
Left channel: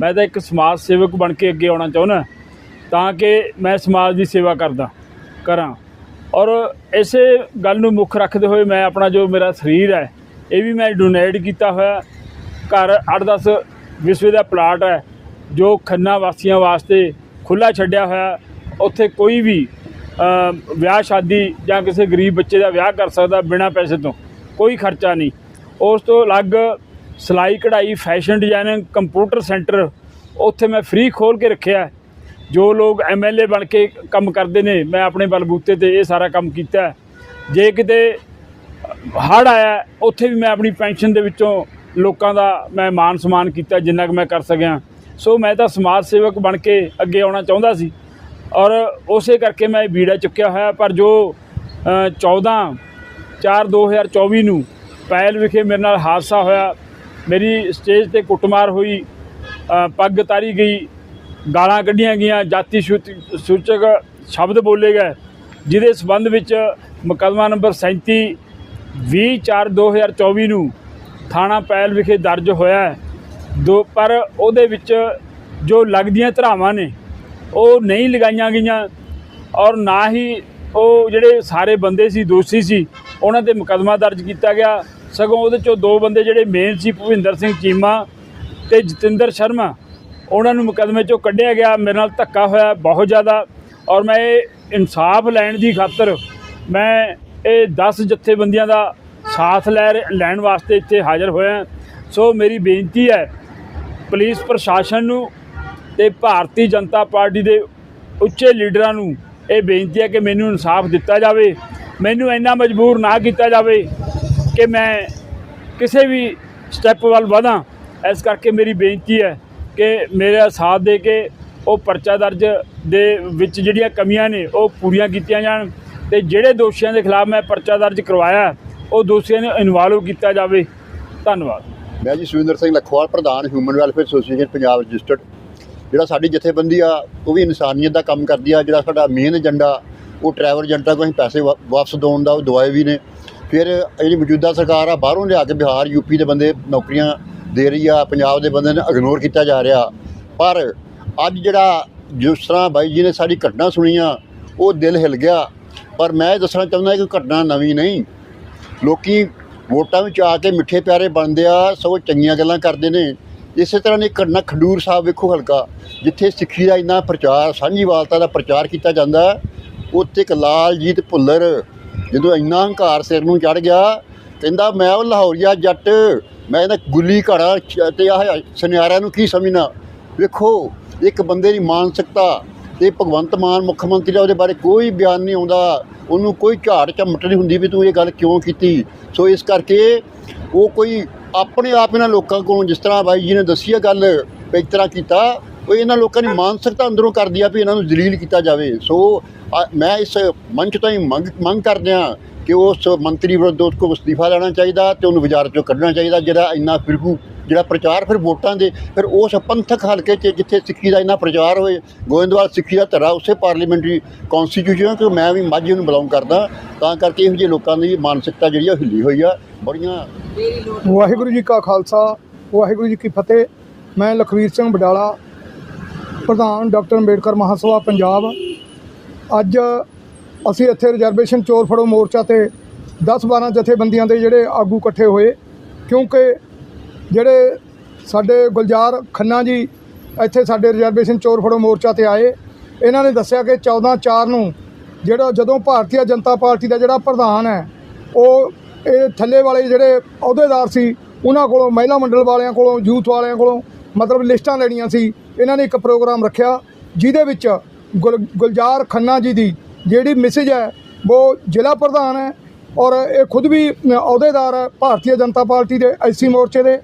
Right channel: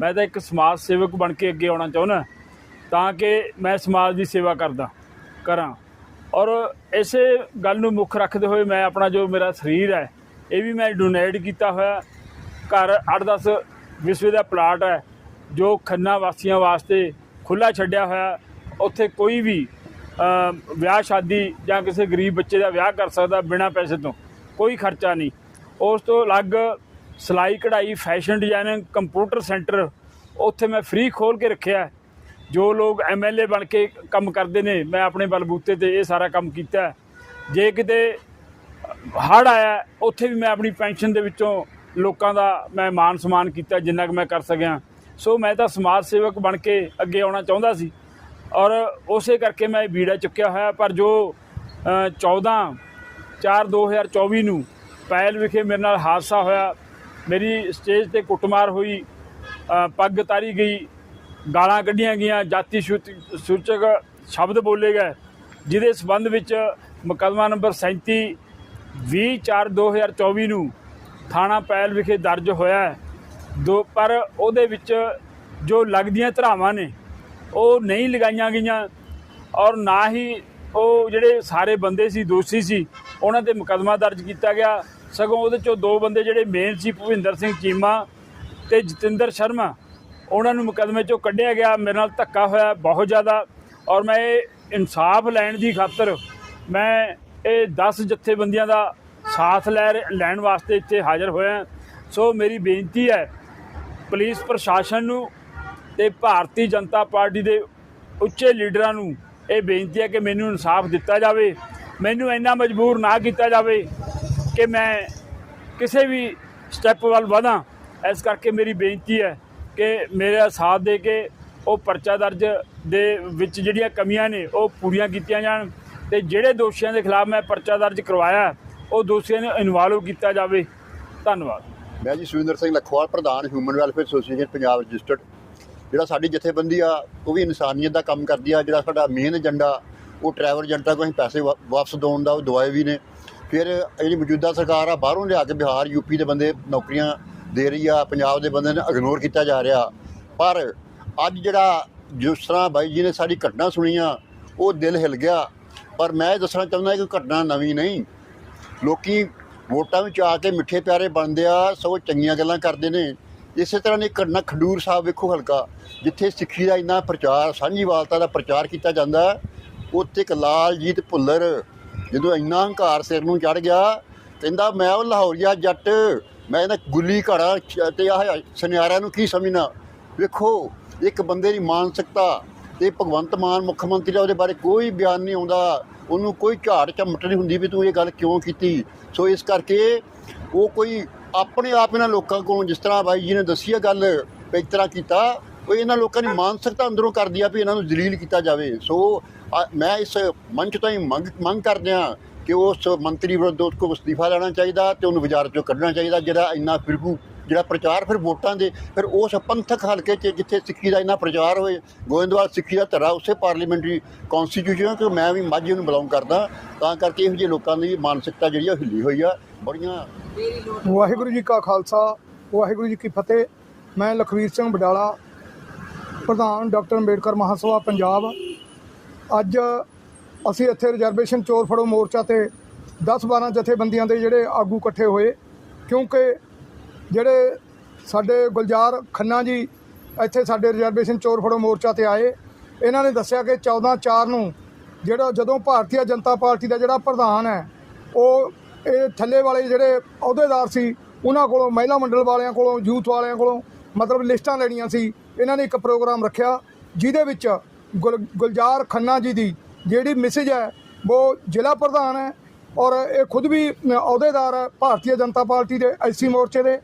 Speaker 3: ਮੈਂ ਤਾਂ ਇੱਕ ਸਮਾਜ ਸੇਵਕ ਬਣ ਕੇ ਅੱਗੇ ਆਉਣਾ ਚਾਹੁੰਦਾ ਤਾਂ ਕਿ ਮੈਂ ਸਮਾਜ ਦੀ ਸੇਵਾ ਕਰਦਾ ਕਰਾਂ। ਔਰ ਇਸੇ ਗੱਲ ਨੂੰ ਮੁੱਖ ਰੱਖਦੇ ਹੋਏ ਮੈਂ ਆਪਣਾ ਜੋ ਮੇਰਾ ਸਰੀਰ ਹੈ, ਇਹ ਵੀ ਮੈਂ ਡੋਨੇਟ ਕੀਤਾ ਹੋਇਆ। ਘਰ 8-10 ਵਿਸਵੇ ਦਾ ਪਲਾਟ ਹੈ, ਜੋ ਖੰਨਾ ਵਾਸੀਆਂ ਵਾਸਤੇ ਖੁੱਲਾ ਛੱਡਿਆ ਹੋਇਆ। ਉੱਥੇ ਕੋਈ ਵੀ ਵਿਆਹ ਸ਼ਾਦੀ ਜਾਂ ਕਿਸੇ ਗਰੀਬ ਬੱਚੇ ਦਾ ਵਿਆਹ ਕਰ ਸਕਦਾ ਬਿਨਾਂ ਪੈਸੇ ਤੋਂ, ਕੋਈ ਖਰਚਾ ਨਹੀਂ। ਉਸ ਤੋਂ ਅਲੱਗ ਸਿਲਾਈ ਕਢਾਈ ਫੈਸ਼ਨ ਡਿਜ਼ਾਈਨਿੰਗ ਕੰਪਿਊਟਰ ਸੈਂਟਰ ਉੱਥੇ ਮੈਂ ਫ੍ਰੀ ਖੋਲ ਕੇ ਰੱਖਿਆ। ਜੋ ਲੋਕ ਐਮਐਲਏ ਬਣ ਕੇ ਕੰਮ ਕਰਦੇ ਨੇ ਮੈਂ ਆਪਣੇ ਬਲਬੂਤੇ ਤੇ ਇਹ ਸਾਰਾ ਕੰਮ ਕੀਤਾ ਜੇ ਕਿਤੇ ਹੜ ਆਇਆ ਉੱਥੇ ਵੀ ਮੈਂ ਆਪਣੀ ਪੈਨਸ਼ਨ ਦੇ ਵਿੱਚੋਂ ਲੋਕਾਂ ਦਾ ਮੈਂ ਮਾਨ ਸਨਮਾਨ ਕੀਤਾ ਜਿੰਨਾ ਕੁ ਮੈਂ ਕਰ ਸਕਿਆ। ਸੋ ਮੈਂ ਤਾਂ ਸਮਾਜ ਸੇਵਕ ਬਣ ਕੇ ਅੱਗੇ ਆਉਣਾ ਚਾਹੁੰਦਾ ਸੀ। ਔਰ ਉਸੇ ਕਰਕੇ ਮੈਂ ਇਹ ਬੀੜਾ ਚੁੱਕਿਆ ਹੋਇਆ ਪਰ ਜੋ ਅ, 14 4 2024 ਨੂੰ ਪੈਲ ਵਿਖੇ ਮੇਰੇ ਨਾਲ ਹਾਦਸਾ ਹੋਇਆ। ਮੇਰੀ ਸਟੇਜ ਤੇ ਕੁੱਟਮਾਰ ਹੋਈ ਪੱਗ ਤਾਰੀ ਗਈ। ਗਾਲਾਂ ਕੱਢੀਆਂ ਗਈਆਂ, ਜਾਤੀ ਸੂਚ- ਸੂਚਕ ਸ਼ਬਦ ਬੋਲੇ ਗਏ, ਜਿਹਦੇ ਸਬੰਧ ਵਿੱਚ ਮੁਕੱਦਮਾ ਨੰਬਰ 37 20/4/2024 ਨੂੰ ਥਾਣਾ ਪੈਲ ਵਿਖੇ ਦਰਜ ਹੋਇਆ ਹੈ। ਦੋ, ਪਰ ਉਹਦੇ ਵਿੱਚ ਜੋ ਲੱਗਦੀਆਂ ਧਰਾਵਾਂ ਨੇ, ਉਹ ਨਹੀਂ ਲਗਾਈਆਂ ਗਈਆਂ ਔਰ ਨਾ ਹੀ ਉਹ ਜਿਹੜੇ ਸਾਰੇ ਬੰਦੇ ਸੀ, ਦੋਸ਼ੀ ਸੀ, ਉਹਨਾਂ ਤੇ ਮੁਕੱਦਮਾ ਦਰਜ ਕੀਤਾ ਗਿਆ। ਸਗੋਂ ਉਹਦੇ ਚੋਂ ਦੋ ਬੰਦੇ ਜਿਹੜੇ ਮੇਨ ਸੀ, ਭੁਪਿੰਦਰ ਸਿੰਘ ਚੀਮਾ ਤੇ ਜਤਿੰਦਰ ਸ਼ਰਮਾ ਉਹਨਾਂ ਨੂੰ ਮੁਕੱਦਮੇ ਚੋਂ ਕੱਢਿਆ ਗਿਆ। ਮੇਰੇ ਨਾਲ ਧੱਕਾ ਹੋਇਆ ਬਹੁਤ ਜ਼ਿਆਦਾ ਔਰ ਮੈਂ ਇਹ ਇਨਸਾਫ ਲੈਣ ਦੀ ਖਾਤਰ ਮੈਂ ਇਹ 10 ਜਥੇਬੰਦੀਆਂ ਦਾ ਸਾਥ ਲੈ ਰ- ਲੈਣ ਵਾਸਤੇ ਇੱਥੇ ਹਾਜ਼ਰ ਹੋਇਆ। ਸੋ ਮੇਰੀ ਬੇਨਤੀ ਹੈ, ਪੁਲਿਸ ਪ੍ਰਸ਼ਾਸਨ ਨੂੰ ਤੇ ਭਾਰਤੀ ਜਨਤਾ ਪਾਰਟੀ ਦੇ ਉੱਚੇ ਲੀਡਰਾਂ ਨੂੰ ਇਹ ਬੇਨਤੀ ਹੈ ਕਿ ਮੈਨੂੰ ਇਨਸਾਫ ਦਿੱਤਾ ਜਾਵੇ। ਮੈਨੂੰ ਇੰਨਾ ਮਜਬੂਰ ਨਾ ਕੀਤਾ ਜਾਵੇ ਕਿ ਮੈਂ ਕਿਸੇ ਵੀ ਸਟੈਪ ਵੱਲ ਵਧਾਂ। ਇਸ ਕਰਕੇ ਮੇਰੀ ਬੇਨਤੀ ਹੈ ਕਿ ਮੇਰਾ ਸਾਥ ਦੇ ਕੇ ਉਹ ਪਰਚਾ ਦਰਜ ਦੇ ਵਿੱਚ ਜਿਹੜੀਆਂ ਕਮੀਆਂ ਨੇ ਉਹ ਪੂਰੀਆਂ ਕੀਤੀਆਂ ਜਾਣ ਤੇ ਜਿਹੜੇ ਦੋਸ਼ੀਆਂ ਦੇ ਖਿਲਾਫ ਮੈਂ ਪਰਚਾ ਦਰਜ ਕਰਵਾਇਆ, ਉਹ ਦੋਸ਼ੀਆਂ ਨੂੰ ਇਨਵੋਲਵ ਕੀਤਾ ਜਾਵੇ। ਧੰਨਵਾਦ।
Speaker 4: ਮੈਂ ਜੀ ਸੁਰਿੰਦਰ ਸਿੰਘ ਲਖਵਾਲ, ਪ੍ਰਧਾਨ human welfare association Punjab registered ਜਿਹੜਾ ਸਾਡੀ ਜਥੇਬੰਦੀ ਆ, ਉਹ ਵੀ ਇਨਸਾਨੀਅਤ ਦਾ ਕੰਮ ਕਰਦੀ ਆ। ਜਿਹੜਾ ਸਾਡਾ ਮੇਨ ਏਜੰਡਾ ਉਹ ਟਰੈਵਲ ਏਜੰਟਾਂ ਕੋਲ ਅਸੀਂ ਪੈਸੇ ਵਾ- ਵਾਪਸ ਦਿਵਾਉਣ ਦਾ, ਉਹ ਦਵਾਏ ਵੀ ਨੇ। ਫਿਰ ਜਿਹੜੀ ਮੌਜੂਦਾ ਸਰਕਾਰ ਆ, ਬਾਹਰੋਂ ਲਿਆ ਕੇ ਬਿਹਾਰ ਯੂਪੀ ਦੇ ਬੰਦੇ, ਨੌਕਰੀਆਂ ਦੇ ਰਹੀ ਆ, ਪੰਜਾਬ ਦੇ ਬੰਦੇ ਨੂੰ ਇਗਨੋਰ ਕੀਤਾ ਜਾ ਰਿਹਾ। ਪਰ ਅੱਜ ਜਿਹੜਾ ਜਿਸ ਤਰ੍ਹਾਂ ਬਾਈ ਜੀ ਨੇ ਸਾਡੀ ਘਟਨਾ ਸੁਣੀਆਂ ਉਹ ਦਿਲ ਹਿਲ ਗਿਆ। ਪਰ ਮੈਂ ਇਹ ਦੱਸਣਾ ਚਾਹੁੰਦਾ ਕਿ ਘਟਨਾ ਨਵੀਂ ਨਹੀਂ। ਲੋਕੀ ਵੋਟਾਂ ਵਿੱਚ ਆ ਕੇ ਮਿੱਠੇ ਪਿਆਰੇ ਬਣਦੇ ਆ, ਸਗੋਂ ਚੰਗੀਆਂ ਗੱਲਾਂ ਕਰਦੇ ਨੇ। ਇਸੇ ਤਰ੍ਹਾਂ ਦੀ ਘਟਨਾ ਖਡੂਰ ਸਾਹਿਬ ਵੇਖੋ ਹਲਕਾ, ਜਿੱਥੇ ਸਿੱਖੀ ਦਾ ਇੰਨਾ ਪ੍ਰਚਾਰ ਸਾਂਝੀਵਾਲਤਾ ਦਾ ਪ੍ਰਚਾਰ ਕੀਤਾ ਜਾਂਦਾ ਉੱਥੇ ਇੱਕ ਲਾਲਜੀਤ ਭੁੱਲਰ ਜਦੋਂ ਇੰਨਾ ਹੰਕਾਰ ਸਿਰ ਨੂੰ ਚੜ ਗਿਆ, ਕਹਿੰਦਾ, ਮੈਂ ਉਹ ਲਾਹੌਰੀਆ ਜੱਟ ਮੈਂ ਇਹਦਾ ਗੁੱਲੀ ਘੜਾ ਚ- ਤੇ ਆਹ ਸੁਨਿਆਰਿਆਂ ਨੂੰ ਕੀ ਸਮਝਣਾ? ਵੇਖੋ, ਇੱਕ ਬੰਦੇ ਦੀ ਮਾਨਸਿਕਤਾ ਤੇ ਭਗਵੰਤ ਮਾਨ ਮੁੱਖ ਮੰਤਰੀ ਦਾ ਉਹਦੇ ਬਾਰੇ ਕੋਈ ਬਿਆਨ ਨਹੀਂ ਆਉਂਦਾ। ਉਹਨੂੰ ਕੋਈ ਝਾੜ ਝਮਟ ਨਹੀਂ ਹੁੰਦੀ ਵੀ ਤੂੰ ਇਹ ਗੱਲ ਕਿਉਂ ਕੀਤੀ? ਸੋ ਇਸ ਕਰਕੇ ਉਹ ਕੋਈ ਆਪਣੇ ਆਪ ਇਹਨਾਂ ਲੋਕਾਂ ਕੋਲੋਂ ਜਿਸ ਤਰ੍ਹਾਂ ਬਾਈ ਜੀ ਨੇ ਦੱਸੀ ਹੈ ਗੱਲ, ਵੀ ਇਸ ਤਰ੍ਹਾਂ ਕੀਤਾ, ਉਹ ਇਹਨਾਂ ਲੋਕਾਂ ਦੀ ਮਾਨਸਿਕਤਾ ਅੰਦਰੋਂ ਕਰਦੀ ਆ ਵੀ ਇਹਨਾਂ ਨੂੰ ਜਲੀਲ ਕੀਤਾ ਜਾਵੇ। ਸੋ ਮੈਂ ਇਸ ਮੰਚ ਤੋਂ ਹੀ ਮੰਗ ਮੰਗ ਕਰਦੇ ਹਾਂ ਕਿ ਉਸ ਮੰਤਰੀ ਵਿਰੁੱਧ ਉਸ ਕੋਲ ਅਸਤੀਫਾ ਲੈਣਾ ਚਾਹੀਦਾ ਤੇ ਉਹਨੂੰ ਬਾਜ਼ਾਰ ਚੋਂ ਕੱਢਣਾ ਚਾਹੀਦਾ, ਜਿਹੜਾ ਇੰਨਾ ਫਿਰਕੂ ਜਿਹੜਾ ਪ੍ਰਚਾਰ ਫਿਰ ਵੋਟਾਂ ਦੇ, ਫਿਰ ਉਸ ਪੰਥਕ ਹਲਕੇ 'ਚ ਜਿੱਥੇ ਸਿੱਖੀ ਦਾ ਇੰਨਾ ਪ੍ਰਚਾਰ ਹੋਏ, ਗੋਇੰਦਵਾਲ ਸਿੱਖੀ ਦਾ ਧਰਾ ਉਸੇ ਪਾਰਲੀਮੈਂਟਰੀ ਕਨਸਟੀਟਿਊਸ਼ਨ ਕਿ ਮੈਂ ਵੀ ਮਾਝੀ ਨੂੰ ਬਿਲੋਂਗ ਕਰਦਾ, ਤਾਂ ਕਰਕੇ ਇਹੋ ਜਿਹੇ ਲੋਕਾਂ ਦੀ ਮਾਨਸਿਕਤਾ ਜਿਹੜੀ ਆ ਉਹ ਹਿੱਲੀ ਹੋਈ ਆ, ਬੜੀਆਂ
Speaker 5: ਵਾਹਿਗੁਰੂ ਜੀ ਕਾ ਖਾਲਸਾ, ਵਾਹਿਗੁਰੂ ਜੀ ਕੀ ਫਤਿਹ। ਮੈਂ ਲਖਵੀਰ ਸਿੰਘ ਬਡਾਲਾ ਪ੍ਰਧਾਨ ਡਾਕਟਰ ਅੰਬੇਡਕਰ ਮਹਾਸਭਾ, ਪੰਜਾਬ। ਅੱਜ ਅਸੀਂ ਇੱਥੇ ਰਿਜ਼ਰਵੇਸ਼ਨ ਚੋਰ ਫੜੋ ਮੋਰਚਾ ਤੇ 10-12 ਜਥੇਬੰਦੀਆਂ ਦੇ ਜਿਹੜੇ ਆਗੂ ਇਕੱਠੇ ਹੋਏ, ਕਿਉਂਕਿ ਜਿਹੜੇ ਸਾਡੇ ਗੁਲਜ਼ਾਰ ਖੰਨਾ ਜੀ ਇੱਥੇ ਸਾਡੇ ਰਿਜ਼ਰਵੇਸ਼ਨ ਚੋਰ ਫੜੋ ਮੋਰਚਾ ਤੇ ਆਏ, ਇਹਨਾਂ ਨੇ ਦੱਸਿਆ ਕਿ 14-4 ਨੂੰ ਜਿਹੜਾ ਜਦੋਂ ਭਾਰਤੀ ਜਨਤਾ ਪਾਰਟੀ ਦਾ ਜਿਹੜਾ ਪ੍ਰਧਾਨ ਹੈ, ਉਹ ਇਹ ਥੱਲੇ ਵਾਲੇ ਜਿਹੜੇ ਅਹੁਦੇਦਾਰ ਸੀ, ਉਹਨਾਂ ਕੋਲੋਂ ਮਹਿਲਾ ਮੰਡਲ ਵਾਲਿਆਂ ਕੋਲੋਂ, ਯੂਥ ਵਾਲਿਆਂ ਕੋਲੋਂ ਮਤਲਬ ਲਿਸਟਾਂ ਲੈਣੀਆਂ ਸੀ, ਇਹਨਾਂ ਨੇ ਇੱਕ ਪ੍ਰੋਗਰਾਮ ਰੱਖਿਆ, ਜਿਹਦੇ ਵਿੱਚ ਗੁਲ ਗੁਲਜ਼ਾਰ ਖੰਨਾ ਜੀ ਦੀ ਜਿਹੜੀ ਮੈਸੇਜ ਹੈ, ਉਹ ਜ਼ਿਲ੍ਹਾ ਪ੍ਰਧਾਨ ਹੈ ਔਰ ਇਹ ਖੁਦ ਵੀ ਅਹੁਦੇਦਾਰ ਹੈ ਭਾਰਤੀ ਜਨਤਾ ਪਾਰਟੀ ਦੇ ਐਸੀ ਮੋਰਚੇ ਦੇ।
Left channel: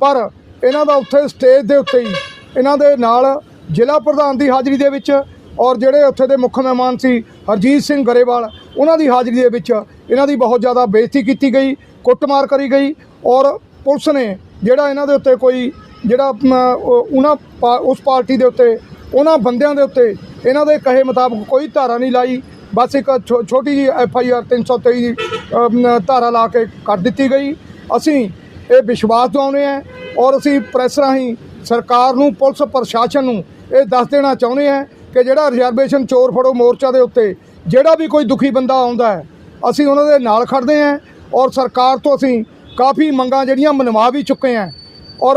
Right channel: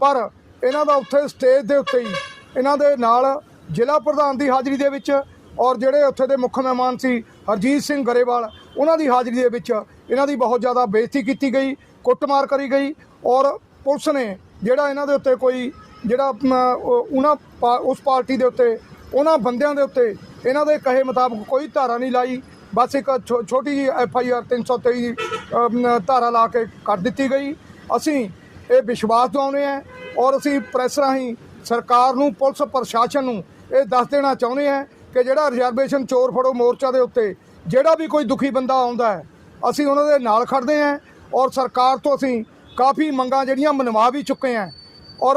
Speaker 5: ਪਰ ਇਹਨਾਂ ਦਾ ਉੱਥੇ ਸਟੇਜ ਦੇ ਉੱਤੇ ਹੀ, ਇਹਨਾਂ ਦੇ ਨਾਲ ਜ਼ਿਲ੍ਹਾ ਪ੍ਰਧਾਨ ਦੀ ਹਾਜ਼ਰੀ ਦੇ ਵਿੱਚ ਔਰ ਜਿਹੜੇ ਉੱਥੇ ਦੇ ਮੁੱਖ ਮਹਿਮਾਨ ਸੀ, ਹਰਜੀਤ ਸਿੰਘ ਗਰੇਵਾਲ, ਉਹਨਾਂ ਦੀ ਹਾਜ਼ਰੀ ਦੇ ਵਿੱਚ ਇਹਨਾਂ ਦੀ ਬਹੁਤ ਜ਼ਿਆਦਾ ਬੇਇੱਜ਼ਤੀ ਕੀਤੀ ਗਈ, ਕੁੱਟਮਾਰ ਕਰੀ ਗਈ ਔਰ ਪੁਲਿਸ ਨੇ ਜਿਹੜਾ ਇਹਨਾਂ ਦੇ ਉੱਤੇ ਕੋਈ, ਜਿਹੜਾ ਉਹਨਾਂ ਪਾ- ਉਸ ਪਾਰਟੀ ਦੇ ਉੱਤੇ, ਉਹਨਾਂ ਬੰਦਿਆਂ ਦੇ ਉੱਤੇ ਇਹਨਾਂ ਦੇ ਕਹੇ ਮੁਤਾਬਕ ਕੋਈ ਧਾਰਾ ਨਹੀਂ ਲਾਈ। ਬਸ ਇੱਕ ਛੋ- ਛੋਟੀ ਜੀ ਐਫ ਆਈ ਆਰ 323 ਅਮ, ਧਾਰਾ ਲਾ ਕੇ ਕੱਟ ਦਿੱਤੀ ਗਈ। ਅਸੀਂ ਇਹ ਵਿਸ਼ਵਾਸ ਦਿਵਾਉਂਦੇ ਹਾਂ ਔਰ ਅਸੀਂ ਪ੍ਰੈਸ ਰਾਹੀਂ ਸਰਕਾਰ ਨੂੰ ਪੁਲਿਸ ਪ੍ਰਸ਼ਾਸਨ ਨੂੰ ਇਹ ਦੱਸ ਦੇਣਾ ਚਾਹੁੰਦੇ ਹਾਂ ਕਿ ਜਿਹੜਾ ਰਿਜ਼ਰਵੇਸ਼ਨ ਚੋਰ ਫੜੋ ਮੋਰਚਾ ਦੇ ਉੱਤੇ ਜਿਹੜਾ ਵੀ ਕੋਈ ਦੁਖੀ ਬੰਦਾ ਆਉਂਦਾ ਹੈ ਅਸੀਂ ਉਹਨਾਂ ਦੇ ਨਾਲ ਖੜਦੇ ਹਾਂ ਔਰ ਸਰਕਾਰ ਤੋਂ ਅਸੀਂ ਕਾਫੀ ਮੰਗਾਂ ਜਿਹੜੀਆਂ ਮਨਵਾ ਵੀ ਚੁੱਕੇ ਹਾਂ। ਔਰ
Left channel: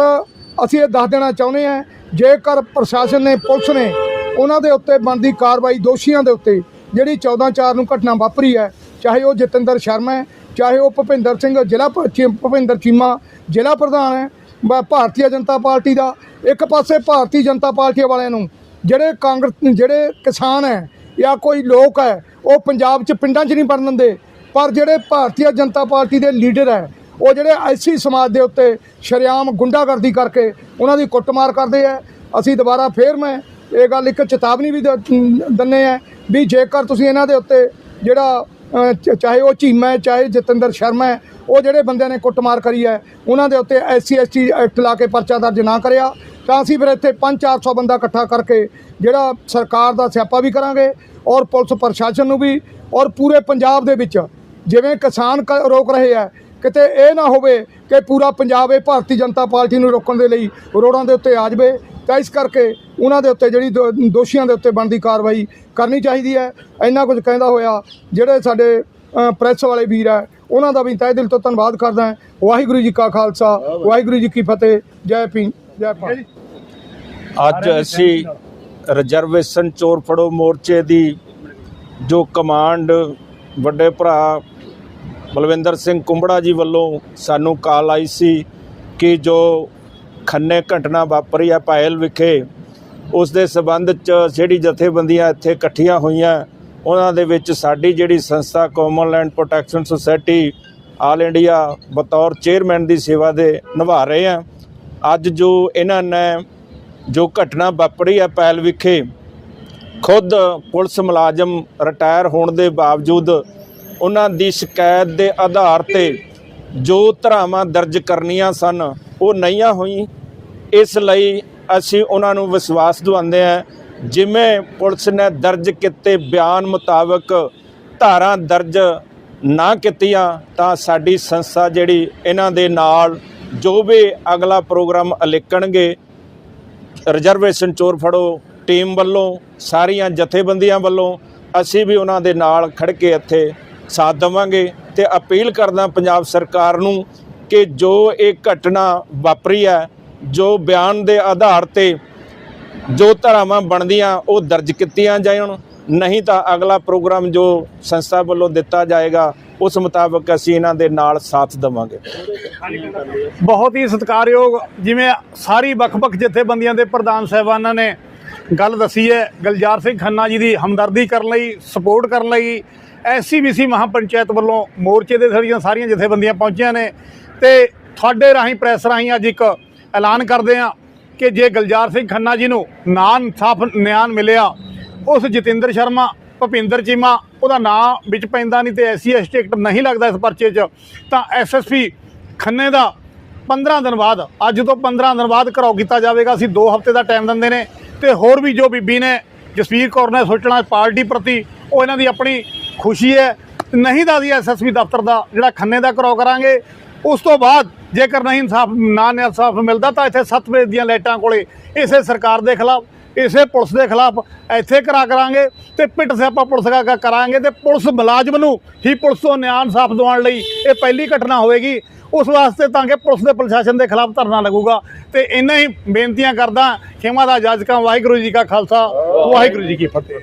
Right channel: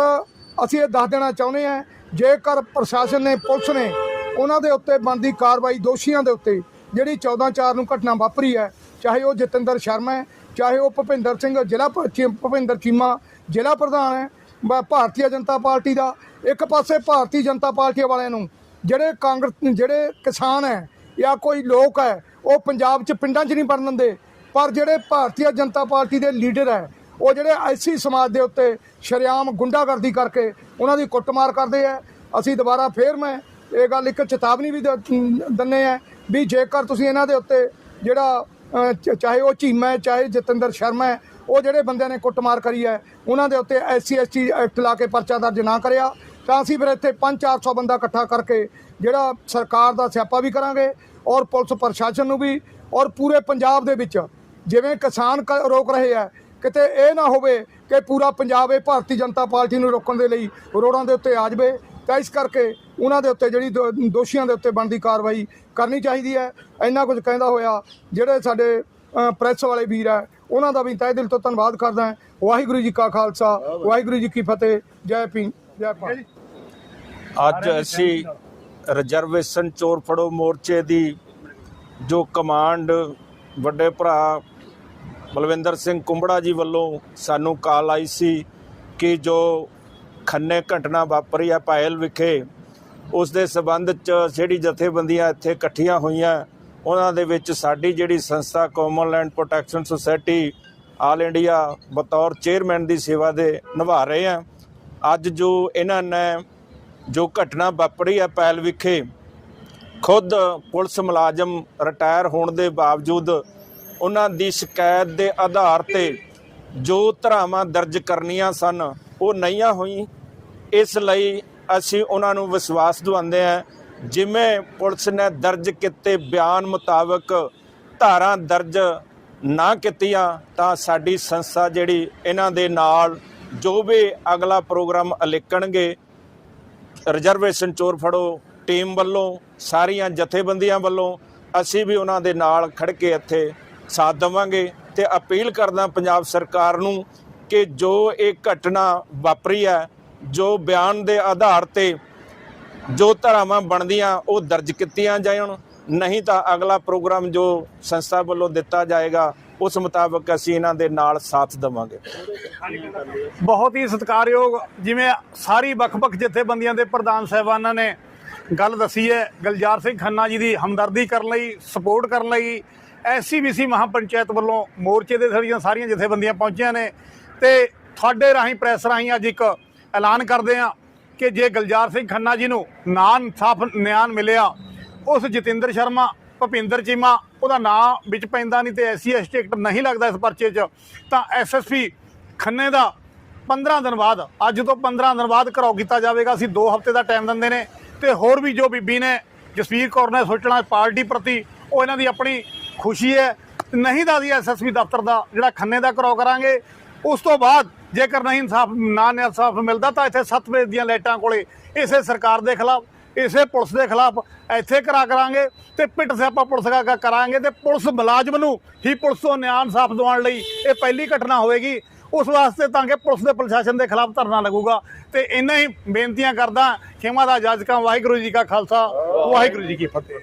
Speaker 5: ਅਸੀਂ ਇਹ ਦੱਸ ਦੇਣਾ ਚਾਹੁੰਦੇ ਹਾਂ ਜੇਕਰ ਪ੍ਰਸ਼ਾਸਨ ਨੇ ਪੁਲਿਸ ਨੇ ਉਹਨਾਂ ਦੇ ਉੱਤੇ ਬਣਦੀ ਕਾਰਵਾਈ ਦੋਸ਼ੀਆਂ ਦੇ ਉੱਤੇ, ਜਿਹੜੀ 14/4 ਨੂੰ ਘਟਨਾ ਵਾਪਰੀ ਹੈ, ਚਾਹੇ ਉਹ ਜਤਿੰਦਰ ਸ਼ਰਮਾ ਹੈ, ਚਾਹੇ ਉਹ ਭੁਪਿੰਦਰ ਸਿੰਘ, ਜ਼ਿਲ੍ਹਾ ਚੀ- ਭੁਪਿੰਦਰ ਚੀਮਾ, ਜ਼ਿਲ੍ਹਾ ਪ੍ਰਧਾਨ ਹੈ, ਬ- ਭਾਰਤੀ ਜਨਤਾ ਪਾਰਟੀ ਦਾ, ਇੱਕ ਪਾਸੇ ਭਾਰਤੀ ਜਨਤਾ ਪਾਰਟੀ ਵਾਲਿਆਂ ਨੂੰ, ਜਿਹੜੇ ਕਾਂਗਰਸ, ਜਿਹੜੇ ਕਿਸਾਨ ਹੈ, ਜਾਂ ਕੋਈ ਲੋਕ ਹੈ, ਉਹ ਪੰਜਾਬ 'ਚ ਪਿੰਡਾਂ 'ਚ ਨਹੀਂ ਵੜਨ ਦਿੰਦੇ, ਪਰ ਜਿਹੜੇ ਭਾਰਤੀ ਜਨਤਾ ਪਾਰਟੀ ਦੇ ਲੀਡਰ ਹੈ, ਉਹ ਜਿਹੜੇ ਐਸੀ ਸਮਾਜ ਦੇ ਉੱਤੇ ਸ਼ਰੇਆਮ ਗੁੰਡਾਗਰਦੀ ਕਰਕੇ ਉਹਨਾਂ ਦੀ ਕੁੱਟਮਾਰ ਕਰਦੇ ਆ ਅਸੀਂ ਦੁਬਾਰਾ ਫੇਰ ਮੈਂ ਇਹ ਗੱਲ ਇੱਕ ਚੇਤਾਵਨੀ ਵੀ ਦ- ਦਿੰਦੇ ਆ ਵੀ ਜੇਕਰ ਤੁਸੀਂ ਇਹਨਾਂ ਦੇ ਉੱਤੇ ਜਿਹੜਾ ਚਾਹੇ ਉਹ ਚੀਮਾ ਹੈ, ਚਾਹੇ ਜਤਿੰਦਰ ਸ਼ਰਮਾ ਹੈ, ਉਹ ਜਿਹੜੇ ਬੰਦਿਆਂ ਨੇ ਕੁੱਟਮਾਰ ਕਰੀ ਹੈ, ਉਹਨਾਂ ਦੇ ਉੱਤੇ ਐਸਸੀ ਐਸਟੀ ਐਕਟ ਲਾ ਕੇ ਪਰਚਾ ਦਰਜ ਨਾ ਕਰਿਆ, ਤਾਂ ਅਸੀਂ ਫਿਰ ਇੱਥੇ 5-400 ਬੰਦਾ ਇਕੱਠਾ ਕਰਕੇ ਜਿਹੜਾ ਸਰਕਾਰ ਦਾ ਸਿਆਪਾ ਵੀ ਕਰਾਂਗੇ ਔਰ ਪੁਲਿਸ ਪ੍ਰਸ਼ਾਸਨ ਨੂੰ ਵੀ ਔਰ ਪੂਰੇ ਪੰਜਾਬ ਦੇ ਵਿੱਚ ਜਿਵੇਂ ਕਿਸਾਨ ਕ- ਰੋਕ ਰਹੇ ਆ, ਕਿਤੇ ਇਹ ਨਾ ਹੋਵੇ ਕਿ ਪੂਰਾ ਪੰਜਾਬ ਇਹ ਭਾਰਤੀ ਜਨਤਾ ਪਾਰਟੀ ਨੂੰ ਰੋਕਣ ਦੇ ਲਈ ਰੋਡਾਂ ਦੇ ਉੱਤੇ ਆ ਜਾਵੇ ਤਾਂ ਇਸ ਕਰਕੇ ਉਹਨਾਂ ਦੇ ਉੱਤੇ ਜਿਹੜੀ ਦੋ- ਦੋਸ਼ੀਆਂ ਦੇ ਉੱਤੇ ਬਣਦੀ ਕਾਰਵਾਈ ਕਰਨੀ ਚਾਹੀਦੀ ਹੈ। ਇੰਨਾ ਕੁਝ ਕਹਿੰਦਾ ਹੋਇਆ ਜਿਹੜੇ ਸਾਡੇ ਅ, ਪ੍ਰੈਸ ਵਾਲੇ ਵੀਰ ਆ ਉਹਨਾਂ ਦਾ ਵੀ ਤਹਿ ਦਿਲ ਤੋਂ ਧੰਨਵਾਦ ਕਰਦਾ ਹਾਂ। ਵਾਹਿਗੁਰੂ ਜੀ ਕਾ ਖਾਲਸਾ ਵਾਹਿਗੁਰੂ ਜੀ ਕੀ ਫਤਿਹ ਜੈ ਭੀਮ ਜੈ ਭਾਰਤ।
Speaker 6: ਅੱਜ ਅਸੀਂ ਰਿਜ਼ਰਵੇਸ਼ਨ ਚੋਰ ਫੜੋ ਮੋਰਚੇ ਦੀ ਜੋ ਕਮਾਂਡ ਵੱਡੇ ਭਰਾ ਬਲਵਿੰਦਰ ਸਿੰਘ ਕੁੰਬੜਾ ਜੀ ਵੱਲੋਂ ਸਾਨੂੰ ਕਾਲ ਆਈ ਸੀ ਕਿ ਜੋ ਖੰਨੇ ਘਟਨਾ ਵਾਪਰੀ ਹੈ ਪਾਇਲ ਵਿਖੇ। ਉਸ ਦੇ ਸਬੰਧ ਚ ਜਿਹੜੀ ਜਥੇਬੰਦੀਆਂ ਇੱਥੇ ਇਕੱਠੀਆਂ ਹੋਈਆਂ, ਉਹਨਾਂ ਦੇ ਵਿੱਚ ਸਾਡੀ ਜਿਹੜੀ ਸੰਸਥਾ common land protection society all India ਬਤੌਰ ਚੇਅਰਮੈਨ ਦੀ ਸੇਵਾ ਦੇ ਨਿਭਾ ਰਹੇ ਆ। ਅੱਜ ਜੋ ਇਹਨਾਂ ਨੇ ਜੋ ਘਟਨਾ ਵਾਪਰੀ ਹੈ ਪੈਲ ਵਿਖੇ, ਖੁਦ ਪੁਲਿਸ ਮੁਲਾਜ਼ਮ ਰਿਟਾਇਰ ਹੋਣ ਦੇ ਬਾਵਜੂਦ ਉਹਨਾਂ ਦੀ ਸ਼ਿਕਾਇਤ ਦੇ ਆਧਾਰ ਤੇ ਜੋ ਧਰਾਵਾਂ ਦਰਜ ਕਰਨੀਆਂ ਸਨ ਉਹ ਨਹੀਂ ਹੋਈ ਇਸ ਲਈ ਅਸੀਂ ਉਹਨਾਂ ਨੂੰ ਵਿਸ਼ਵਾਸ ਦਿਵਾਉਂਦੇ ਹਾਂ, ਜਿਵੇਂ ਪੁਲਿਸ ਨੇ ਦਰਜ ਕੀਤੇ ਬਿਆਨ ਮੁਤਾਬਕ ਧਾਰਾਂ ਦਰਜ ਨਾ ਕੀਤੀਆਂ, ਤਾਂ ਸਾਡੀ ਸੰਸਥਾ ਜਿਹੜੀ ਇਹਨਾਂ ਦੇ ਨਾਲ ਜੋ ਵੀ ਅਗਲਾ ਪ੍ਰੋਗਰਾਮ ਅਲੇਕਣਗੇ, ਰਿਜ਼ਰਵੇਸ਼ਨ ਚੋਰ ਫੜੋ, ਟੀਮ ਵੱਲੋਂ, ਸਾਰੀਆਂ ਜਥੇਬੰਦੀਆਂ ਵੱਲੋਂ, ਅਸੀਂ ਵੀ ਉਹਨਾਂ ਦੇ ਨਾਲ ਖੜ ਕੇ ਇੱਥੇ ਸਾਥ ਦੇਵਾਂਗੇ ਤੇ ਅਪੀਲ ਕਰਦਾ ਪੰਜਾਬ ਸਰਕਾਰ ਨੂੰ ਕਿ ਜੋ ਇਹ ਘਟਨਾ ਵਾਪਰੀ ਹੈ, ਜੋ ਬਿਆਨ ਦੇ ਆਧਾਰ ਤੇ ਜੋ ਧਾਰਾਵਾਂ ਬਣਦੀਆਂ, ਉਹ ਦਰਜ ਕੀਤੀਆਂ ਜਾਣ। ਨਹੀਂ ਤਾਂ ਅਗਲਾ ਪ੍ਰੋਗਰਾਮ ਜੋ ਸੰਸਥਾ ਵੱਲੋਂ ਦਿੱਤਾ ਜਾਏਗਾ, ਉਸ ਮੁਤਾਬਕ ਅਸੀਂ ਇਹਨਾਂ ਦੇ ਨਾਲ ਸਾਥ ਦੇਵਾਂਗੇ।
Speaker 2: ਬਹੁਤ ਹੀ ਸਤਿਕਾਰਯੋਗ, ਜਿਵੇਂ ਸਾਰੀ ਵੱਖ-ਵੱਖ ਜਥੇਬੰਦੀਆਂ ਦੇ ਪ੍ਰਧਾਨ ਸਾਹਿਬਾਨਾਂ ਨੇ ਗੱਲ ਦੱਸੀ ਹੈ, ਗਲਜਾਰ ਸਿੰਘ ਖੰਨਾ ਜੀ ਦੀ ਹਮਦਰਦੀ ਕਰਨ ਲਈ ਸਪੋਰਟ ਕਰਨ ਲਈ, ਐਸਸੀਬੀਸੀ ਮਹਾਪੰਚਾਇਤ ਵੱਲੋਂ ਮੋਰਚੇ ਦੇ ਸਾਰੀਆਂ ਸਾਰੀਆਂ ਜਥੇਬੰਦੀਆਂ ਪਹੁੰਚੀਆਂ ਨੇ। ਤੇ ਤੁਹਾਡੇ ਰਾਹੀਂ ਪ੍ਰੈਸ ਰਾਹੀਂ ਅੱਜ ਇੱਕ ਐਲਾਨ ਕਰਦੇ ਆ ਕਿ ਜੇ ਗਲਜਾਰ ਸਿੰਘ ਖੰਨਾ ਜੀ ਨੂੰ ਨਾਂ ਇਨਸਾਫ ਨਿਆਂ ਮਿਲਿਆ, ਉਸ ਜਤਿੰਦਰ ਸ਼ਰਮਾ, ਭੁਪਿੰਦਰ ਚੀਮਾ, ਉਹਦਾ ਨਾਂ ਵਿੱਚ ਪੈਂਦਾ ਨਹੀਂ ਤੇ ਐਸਸੀ ਐਸਟੀ ਟਿਕਟ ਨਹੀਂ ਲੱਗਦਾ ਇਸ ਪਰਚੇ 'ਚ, ਤਾਂ ਐਸਐਸਪੀ ਖੰਨੇ ਦਾ 15 ਦਿਨ ਬਾਅਦ, ਅੱਜ ਤੋਂ 15 ਦਿਨ ਬਾਅਦ ਘਰਾਓ ਕੀਤਾ ਜਾਵੇਗਾ। ਅਸੀਂ 2 ਹਫ਼ਤੇ ਦਾ ਟਾਈਮ ਦਿੰਦੇ ਨੇ ਤੇ ਹੋਰ ਵੀ ਜੋ ਬੀਬੀ ਨੇ, ਜਸਵੀਰ ਕੌਰ ਨੇ ਸੋਚਣਾ ਪਾਰਟੀ ਪ੍ਰਤੀ, ਉਹ ਇਹਨਾਂ ਦੀ ਆਪਣੀ ਖੁਸ਼ੀ ਹੈ। ਨਹੀਂ ਤਾਂ ਅਸੀਂ ਐਸਐਸਪੀ ਦਫ਼ਤਰ ਦਾ ਜਿਹੜਾ ਖੰਨੇ ਦਾ ਘਰਾਓ ਕਰਾਂਗੇ ਉਸ ਤੋਂ ਬਾਅਦ ਜੇਕਰ ਨਹੀਂ ਇਨਸਾਫ, ਨਾ ਇਨਸਾਫ ਮਿਲਦਾ ਤਾਂ ਇੱਥੇ ਸੱਤ ਵਜੇ ਦੀਆਂ ਲਾਈਟਾਂ ਕੋਲੇ ਇਸੇ ਸਰਕਾਰ ਦੇ ਖਿਲਾਫ, ਇਸੇ ਪੁਲਿਸ ਦੇ ਖਿਲਾਫ ਇੱਥੇ ਕਰਾ ਕਰਾਂਗੇ ਤੇ ਪਿੱਟ ਸਿਆਪਾ ਪੁਲਿਸ ਦਾ ਕਰਾਂਗੇ ਤੇ ਪੁਲਿਸ ਮੁਲਾਜ਼ਮ ਨੂੰ ਹੀ ਪੁਲਿਸ ਤੋਂ ਨਿਆਂ ਇਨਸਾਫ ਦਿਵਾਉਣ ਲਈ ਇਹ ਪਹਿਲੀ ਘਟਨਾ ਹੋਵੇਗੀ। ਉਸ ਵਾਸਤੇ ਤਾਂ ਕਿ ਪੁਲਿਸ ਦੇ ਪ੍ਰਸ਼ਾਸਨ ਦੇ ਖਿਲਾਫ ਧਰਨਾ ਲੱਗੂਗਾ। ਤੇ ਇੰਨਾ ਹੀ ਬੇਨਤੀਆਂ ਕਰਦਾ, ਖੇਮਾ ਦਾ ਜੱਜ ਕਾ ਵਾਹਿਗੁਰੂ ਜੀ ਕਾ ਖਾਲਸਾ, ਵਾਹਿਗੁਰੂ ਜੀ ਕੀ ਫਤਿਹ।